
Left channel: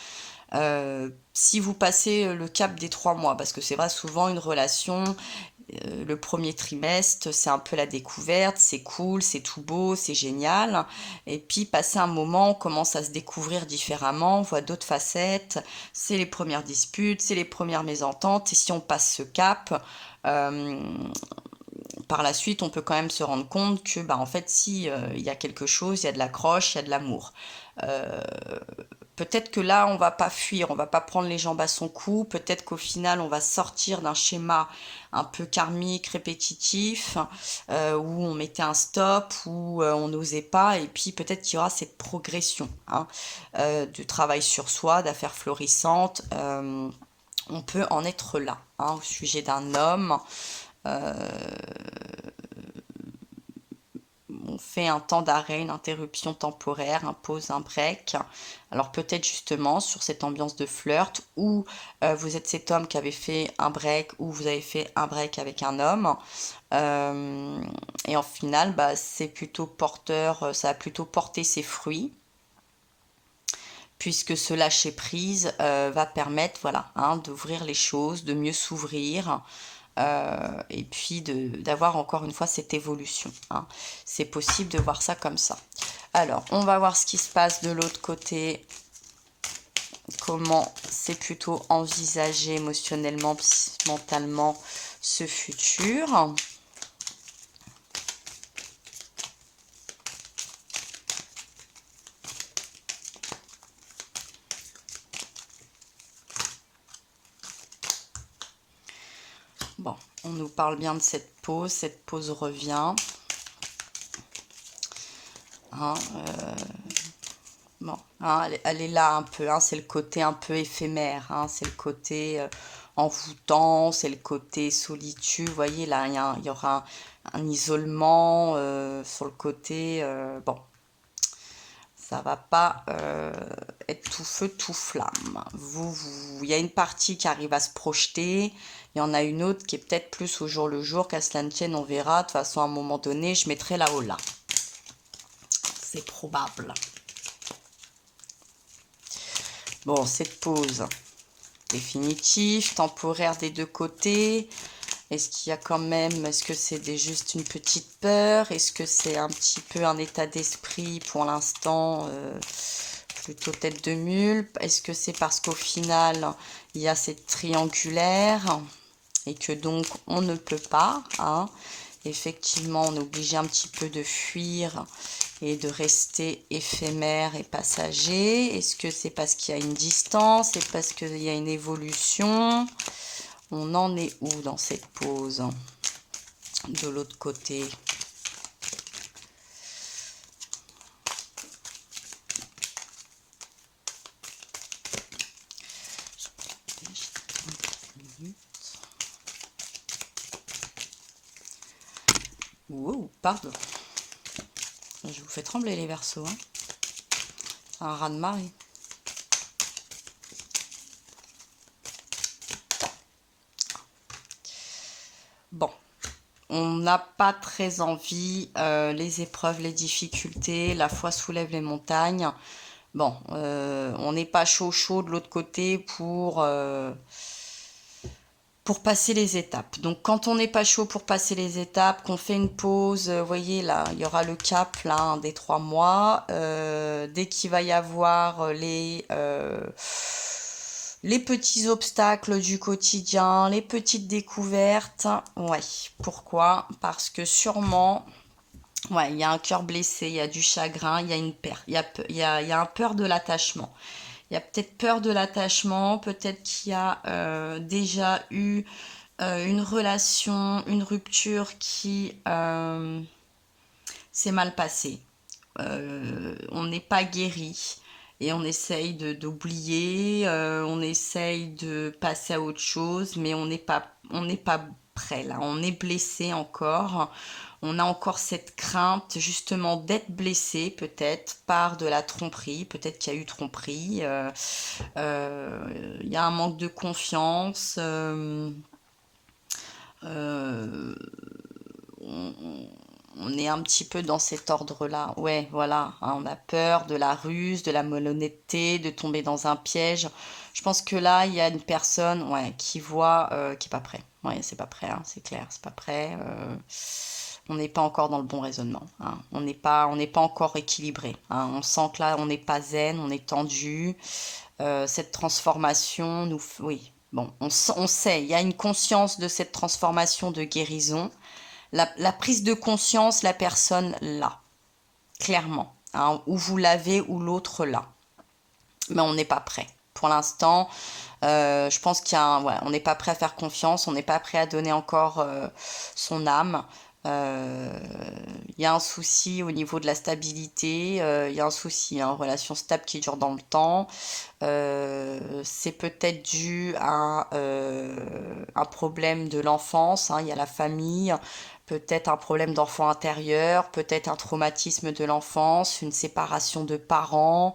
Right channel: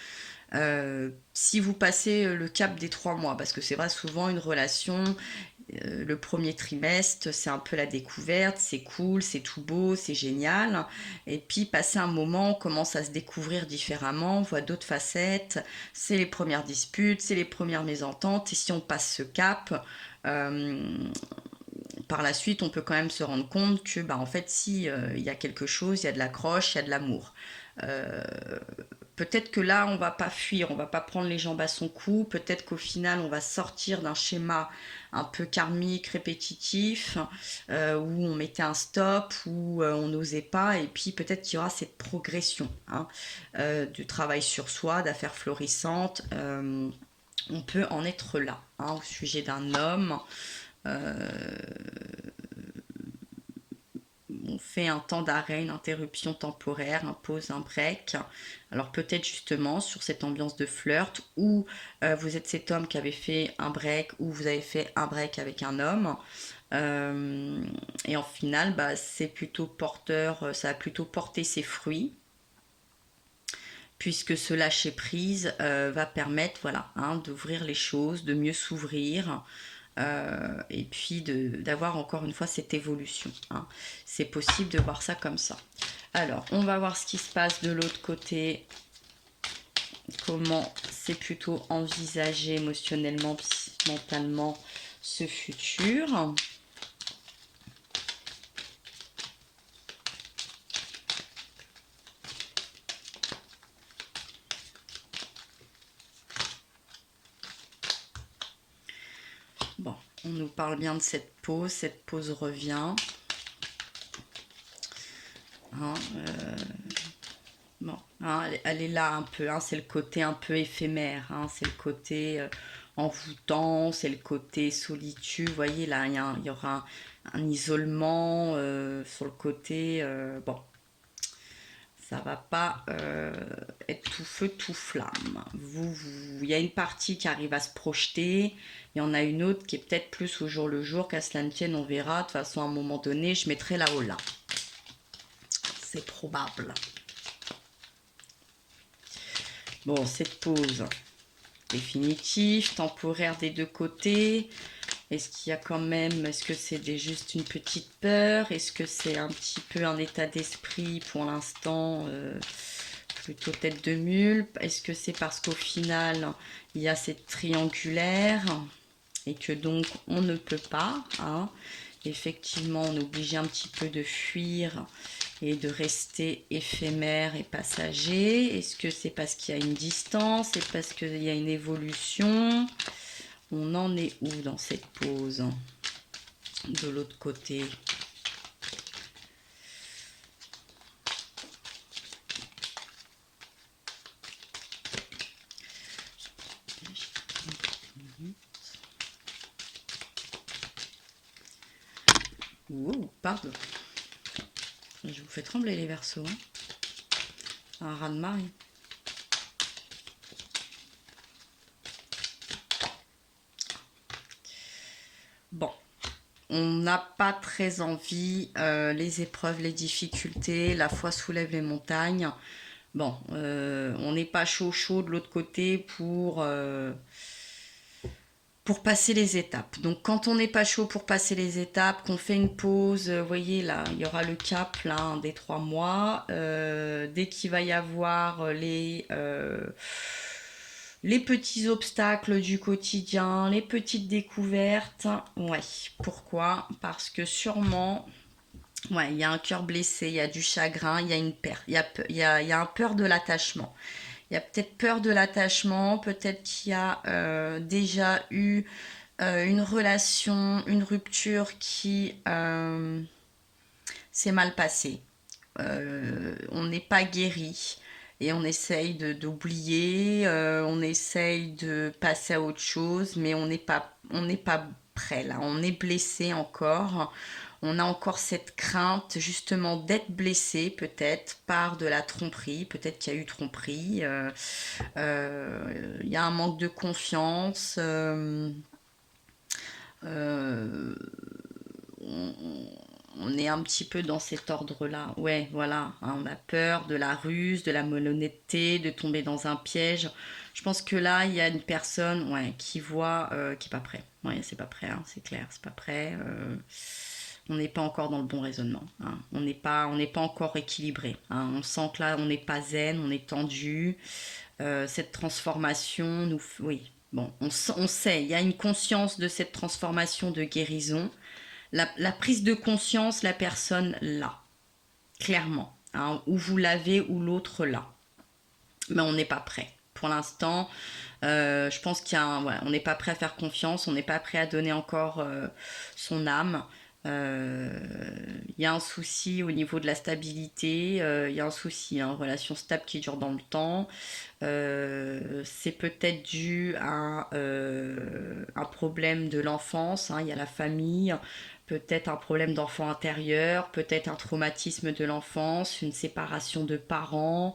Si vous passez le cap des 3 mois, parce que c'est vrai, souvent une relation, le premier trimestre, c'est un peu la découverte, c'est cool, c'est tout beau, c'est génial. Et puis, passer un moment, on commence à se découvrir différemment, on voit d'autres facettes. C'est les premières disputes, c'est les premières mésententes. Et si on passe ce cap, euh, par la suite, on peut quand même se rendre compte que, bah, en fait, si il y a quelque chose, il y a de l'accroche, il y a de l'amour. Euh, Peut-être que là, on va pas fuir, on va pas prendre les jambes à son cou. Peut-être qu'au final, on va sortir d'un schéma un peu karmique, répétitif, où on mettait un stop, où on n'osait pas. Et puis peut-être qu'il y aura cette progression, hein, du travail sur soi, d'affaires florissantes. On peut en être là, hein, au sujet d'un homme. Euh, on fait un temps d'arrêt, une interruption temporaire, un pause, un break. Alors peut-être justement sur cette ambiance de flirt où vous êtes cet homme qui avait fait un break ou vous avez fait un break avec un homme. Et en final, bah, c'est plutôt porteur, ça a plutôt porté ses fruits puisque ce lâcher prise va permettre, voilà, hein, d'ouvrir les choses, de mieux s'ouvrir, et puis d'avoir encore une fois cette évolution, hein. C'est possible de voir ça comme ça. Alors, on va voir ce qui se passe de l'autre côté, comment c'est plutôt envisagé émotionnellement, mentalement ce futur. Bon, on nous parle bien de cette pause revient. Hein, bon, hein, elle est là un peu, hein, c'est le côté un peu éphémère, hein, c'est le côté envoûtant, c'est le côté solitude. Vous voyez, là, il y aura un isolement sur le côté. Bon, ça va pas être tout feu, tout flamme. Il y a une partie qui arrive à se projeter, il y en a une autre qui est peut-être plus au jour le jour, qu'à cela ne tienne, on verra. De toute façon, à un moment donné, je mettrai là-haut là. C'est probable. Bon, cette pause définitive, temporaire des deux côtés. Est-ce qu'il y a quand même, est-ce que c'est juste une petite peur? Est-ce que c'est un petit peu un état d'esprit pour l'instant plutôt tête de mule? Est-ce que c'est parce qu'au final, il y a cette triangulaire et que donc on ne peut pas, hein? Effectivement, on est obligé un petit peu de fuir et de rester éphémère et passager. Est-ce que c'est parce qu'il y a une distance? C'est parce qu'il y a une évolution? On en est où dans cette pause? De l'autre côté. Wow, pardon. Je vous fais trembler les Verseaux, hein. Un raz-de-marée. Bon, on n'a pas très envie, les épreuves, les difficultés, la foi soulève les montagnes. Bon, on n'est pas chaud de l'autre côté pour passer les étapes. Donc quand on n'est pas chaud pour passer les étapes, qu'on fait une pause, vous voyez là, il y aura le cap là, hein, des 3 mois. Dès qu'il va y avoir les petits obstacles du quotidien, les petites découvertes. Ouais, pourquoi? Parce que sûrement, ouais, il y a un cœur blessé, il y a du chagrin, il y a une peur, il y a un peur de l'attachement. Il y a peut-être peur de l'attachement, peut-être qu'il y a déjà eu une relation, une rupture qui s'est mal passée. On n'est pas guéri et on essaye d'oublier, on essaye de passer à autre chose, mais on n'est pas prêt là, on est blessé encore. On a encore cette crainte justement d'être blessé peut-être par de la tromperie, peut-être qu'il y a eu tromperie, il y a un manque de confiance, euh, on, on est un petit peu dans cet ordre-là. Ouais, voilà, hein, on a peur de la ruse, de la malhonnêteté, de tomber dans un piège. Je pense que là, il y a une personne, ouais, qui voit, qui est pas prêt. Ouais, c'est pas prêt, hein, c'est clair, c'est pas prêt. On n'est pas encore dans le bon raisonnement, hein. On n'est pas encore équilibré, hein. On sent que là, on n'est pas zen, on est tendu. Cette transformation nous, oui, bon, on sait, il y a une conscience de cette transformation de guérison. La prise de conscience, la personne l'a, clairement, hein, ou vous l'avez ou l'autre l'a. Mais on n'est pas prêt. Pour l'instant, je pense qu'il y a voilà, on n'est pas prêt à faire confiance, on n'est pas prêt à donner encore son âme. Il y a un souci au niveau de la stabilité, il y a un souci, hein, relation stable qui dure dans le temps. C'est peut-être dû à un problème de l'enfance, hein, il y a la famille, peut-être un problème d'enfant intérieur, peut-être un traumatisme de l'enfance, une séparation de parents,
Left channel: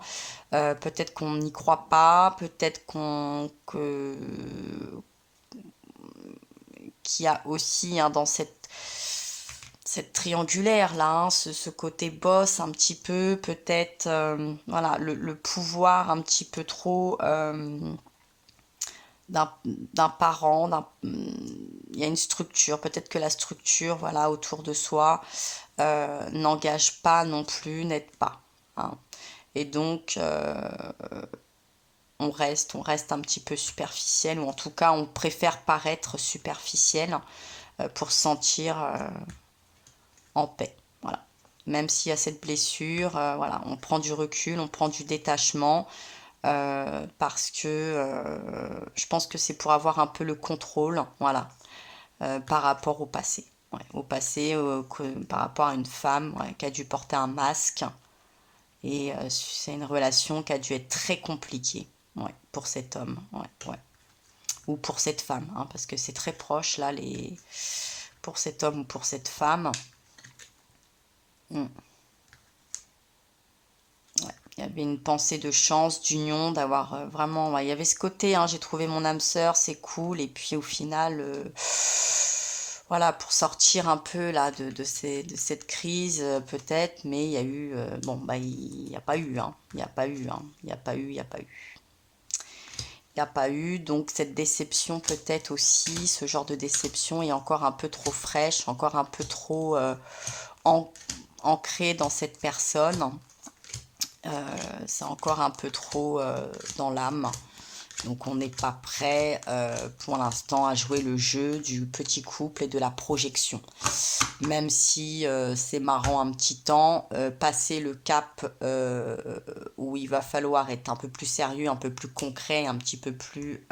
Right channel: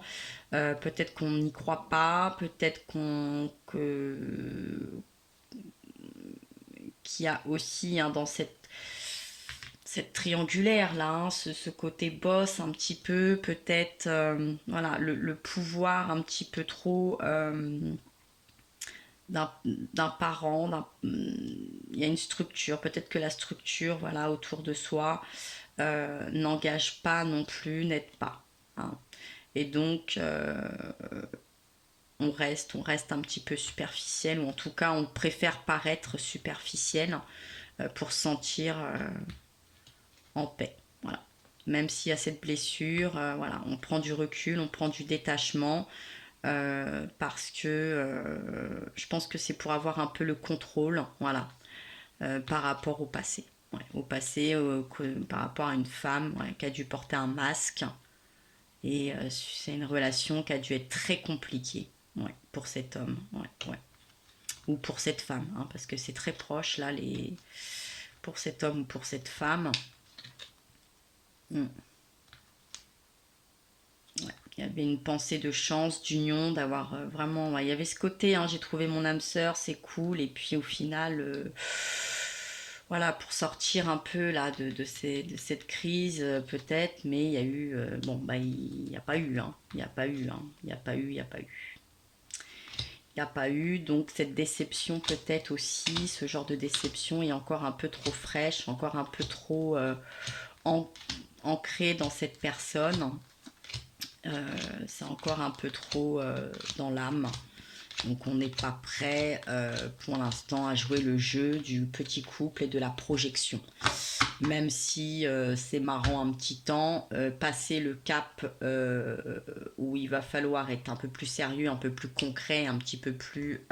peut-être qu'on n'y croit pas, peut-être qu'il y a aussi, hein, dans cette triangulaire là, hein, ce côté boss un petit peu, peut-être voilà, le pouvoir un petit peu trop d'un parent, il y a une structure, peut-être que la structure voilà, autour de soi n'engage pas non plus, n'aide pas, hein. Et donc on reste un petit peu superficiel, ou en tout cas on préfère paraître superficiel pour se sentir en paix. Voilà. Même s'il y a cette blessure, voilà, on prend du recul, on prend du détachement, parce que je pense que c'est pour avoir un peu le contrôle, voilà, par rapport au passé. Ouais, au passé, par rapport à une femme, ouais, qui a dû porter un masque. Et c'est une relation qui a dû être très compliquée, ouais, pour cet homme, ouais, ouais. Ou pour cette femme, hein, parce que c'est très proche là, pour cet homme ou pour cette femme. Mm. Ouais. Il y avait une pensée de chance, d'union, d'avoir vraiment. Ouais, il y avait ce côté, hein, j'ai trouvé mon âme sœur, c'est cool. Et puis au final, voilà, pour sortir un peu là de cette crise, peut-être, mais il y a eu. Bon, bah, il n'y a pas eu, hein. Il n'y a pas eu, hein. Il n'y a pas eu, il n'y a pas eu. Il n'y a pas eu, donc cette déception peut-être aussi, ce genre de déception est encore un peu trop fraîche, encore un peu trop an- ancrée dans cette personne. C'est encore un peu trop dans l'âme. Donc on n'est pas prêt pour l'instant à jouer le jeu du petit couple et de la projection. Même si c'est marrant un petit temps, passer le cap où il va falloir être un peu plus sérieux, un peu plus concret, un petit peu plus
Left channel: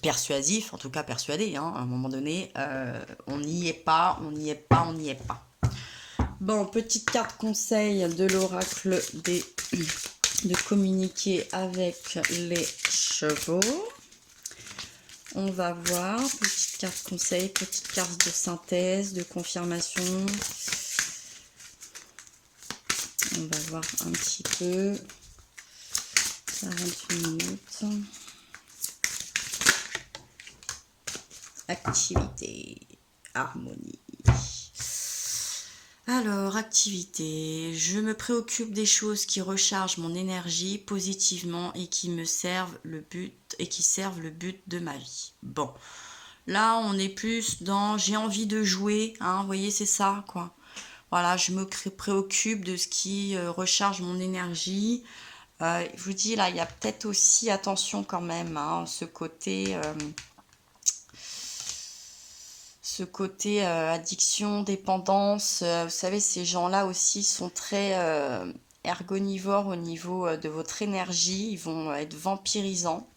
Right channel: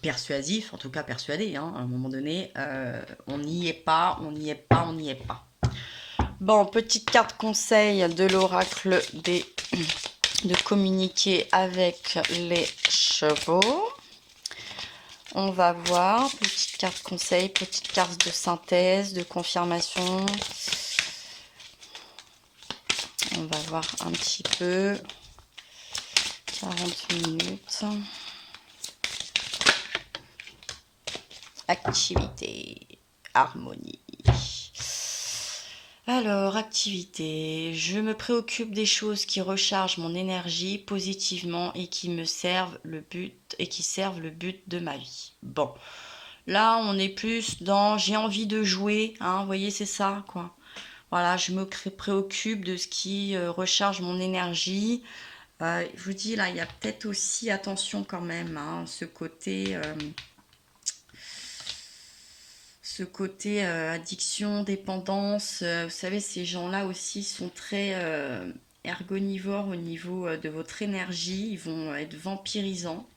persuasif, en tout cas persuadé, hein, à un moment donné, on n'y est pas, on n'y est pas, on n'y est pas. Bon, petite carte conseil de l'oracle de communiquer avec les chevaux. On va voir, petite carte conseil, petite carte de synthèse, de confirmation. On va voir un petit peu. 40 minutes. Activité, harmonie. Alors, activité. Je me préoccupe des choses qui rechargent mon énergie positivement et qui me servent le but le but de ma vie. Bon, là, on est plus dans j'ai envie de jouer, hein, vous voyez, c'est ça, quoi. Voilà, je me préoccupe de ce qui recharge mon énergie. Je vous dis, là, il y a peut-être aussi, attention quand même, hein, ce côté addiction, dépendance. Vous savez, ces gens-là aussi sont très ergonivores au niveau de votre énergie. Ils vont être vampirisants.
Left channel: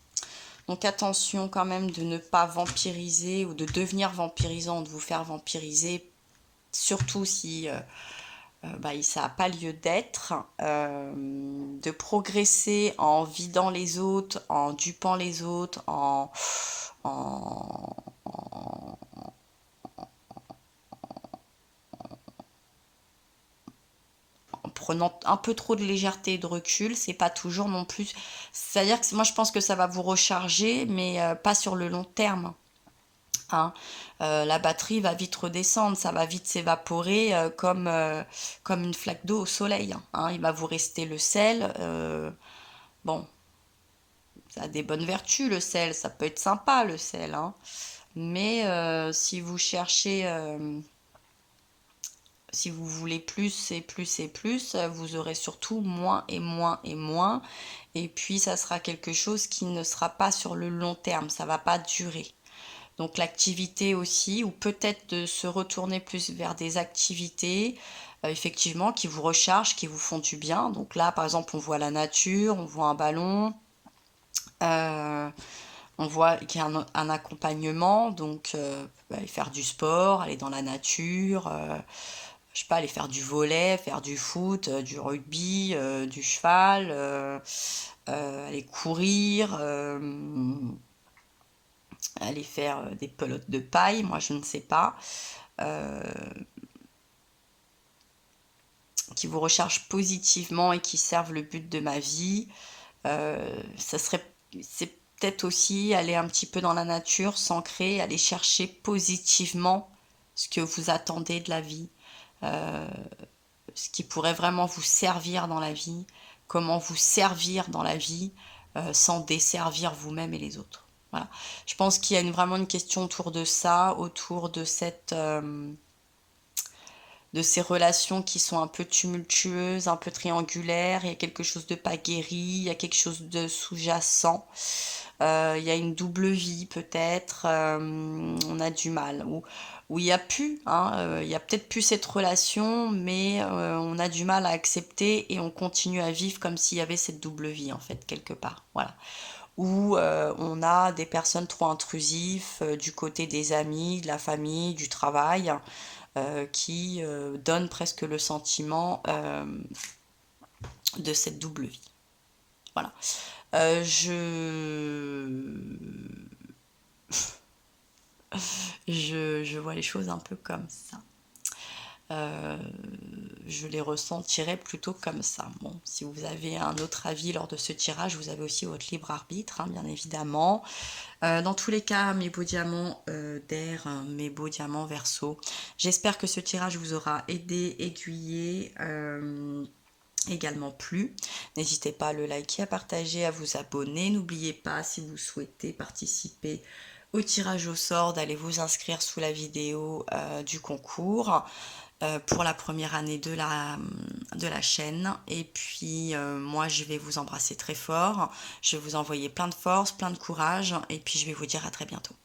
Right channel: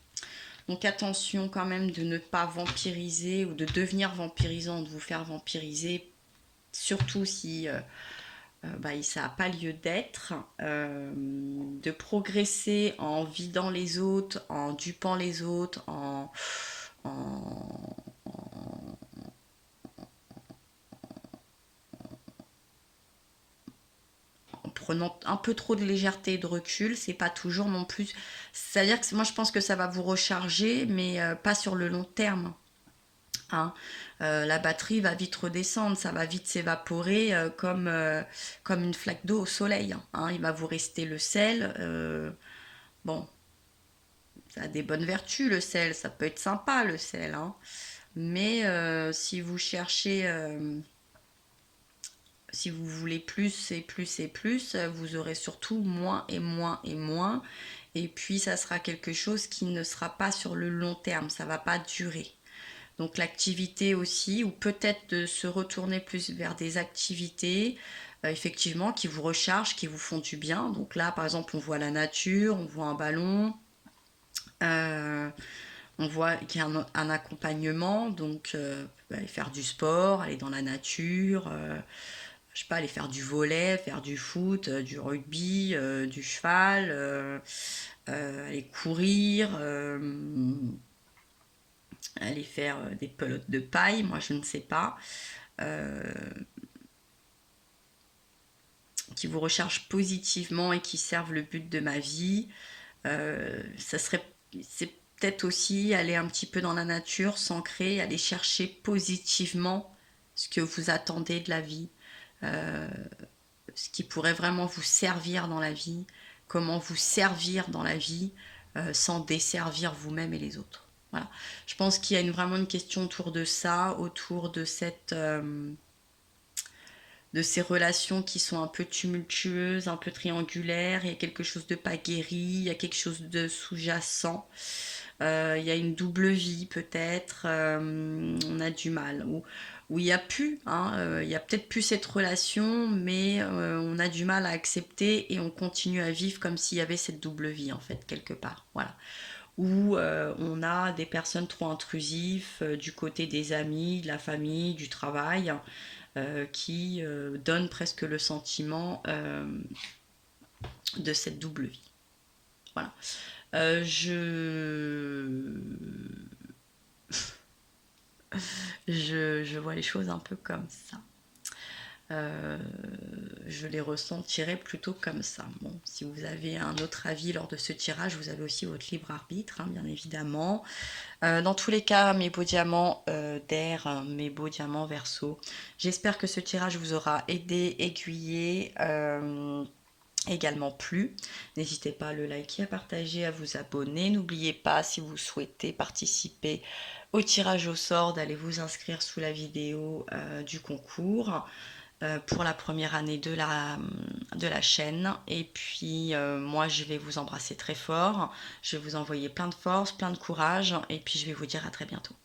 Donc attention quand même de ne pas vampiriser ou de devenir vampirisant, de vous faire vampiriser, surtout si ça n'a pas lieu d'être, de progresser en vidant les autres, en dupant les autres, en, en prenant un peu trop de légèreté et de recul, c'est pas toujours non plus. C'est-à-dire que moi je pense que ça va vous recharger, mais pas sur le long terme. Hein. La batterie va vite redescendre, ça va vite s'évaporer comme une flaque d'eau au soleil. Hein. Il va vous rester le sel. Bon, ça a des bonnes vertus le sel, ça peut être sympa le sel. Hein. Mais si vous cherchez, si vous voulez plus et plus et plus, vous aurez surtout moins et moins et moins. Et puis ça sera quelque chose qui ne sera pas sur le long terme, ça va pas durer. Donc l'activité aussi, ou peut-être de se retourner plus vers des activités, effectivement, qui vous rechargent, qui vous font du bien. Donc là, par exemple, on voit la nature, on voit un ballon, on voit qu'il y a un accompagnement, donc aller faire du sport, aller dans la nature, je sais pas, aller faire du volley, faire du foot, du rugby, du cheval, aller courir, aller faire des pelotes de paille, moi je ne sais pas, euh, qui vous rechargent positivement et qui servent le but de ma vie. C'est peut-être aussi aller un petit peu dans la nature, s'ancrer, aller chercher positivement ce que vous attendez de la vie, euh, ce qui pourrait vraiment vous servir dans la vie, comment vous servir dans la vie sans desservir vous-même et les autres. Voilà. Je pense qu'il y a vraiment une question autour de ça, autour de de ces relations qui sont un peu tumultueuses, un peu triangulaires. Il y a quelque chose de pas guéri, il y a quelque chose de sous-jacent. Il y a une double vie peut-être. On a du mal. Où il n'y a plus, hein, il y a peut-être plus cette relation, mais on a du mal à accepter et on continue à vivre comme s'il y avait cette double vie en fait quelque part. Voilà. Où on a des personnes trop intrusives du côté des amis, de la famille, du travail, qui donnent presque le sentiment de cette double vie. Voilà. Je vois les choses un peu comme ça. Je les ressentirais plutôt comme ça. Bon, si vous avez un autre avis lors de ce tirage, vous avez aussi votre libre arbitre, hein, bien évidemment. Dans tous les cas, mes beaux diamants d'air, mes beaux diamants Verseau, j'espère que ce tirage vous aura aidé, aiguillé, également plu. N'hésitez pas à le liker, à partager, à vous abonner. N'oubliez pas, si vous souhaitez participer au tirage au sort, d'aller vous inscrire sous la vidéo du concours pour la première année de la chaîne. Et puis moi je vais vous embrasser très fort, je vais vous envoyer plein de force, plein de courage, et puis je vais vous dire à très bientôt.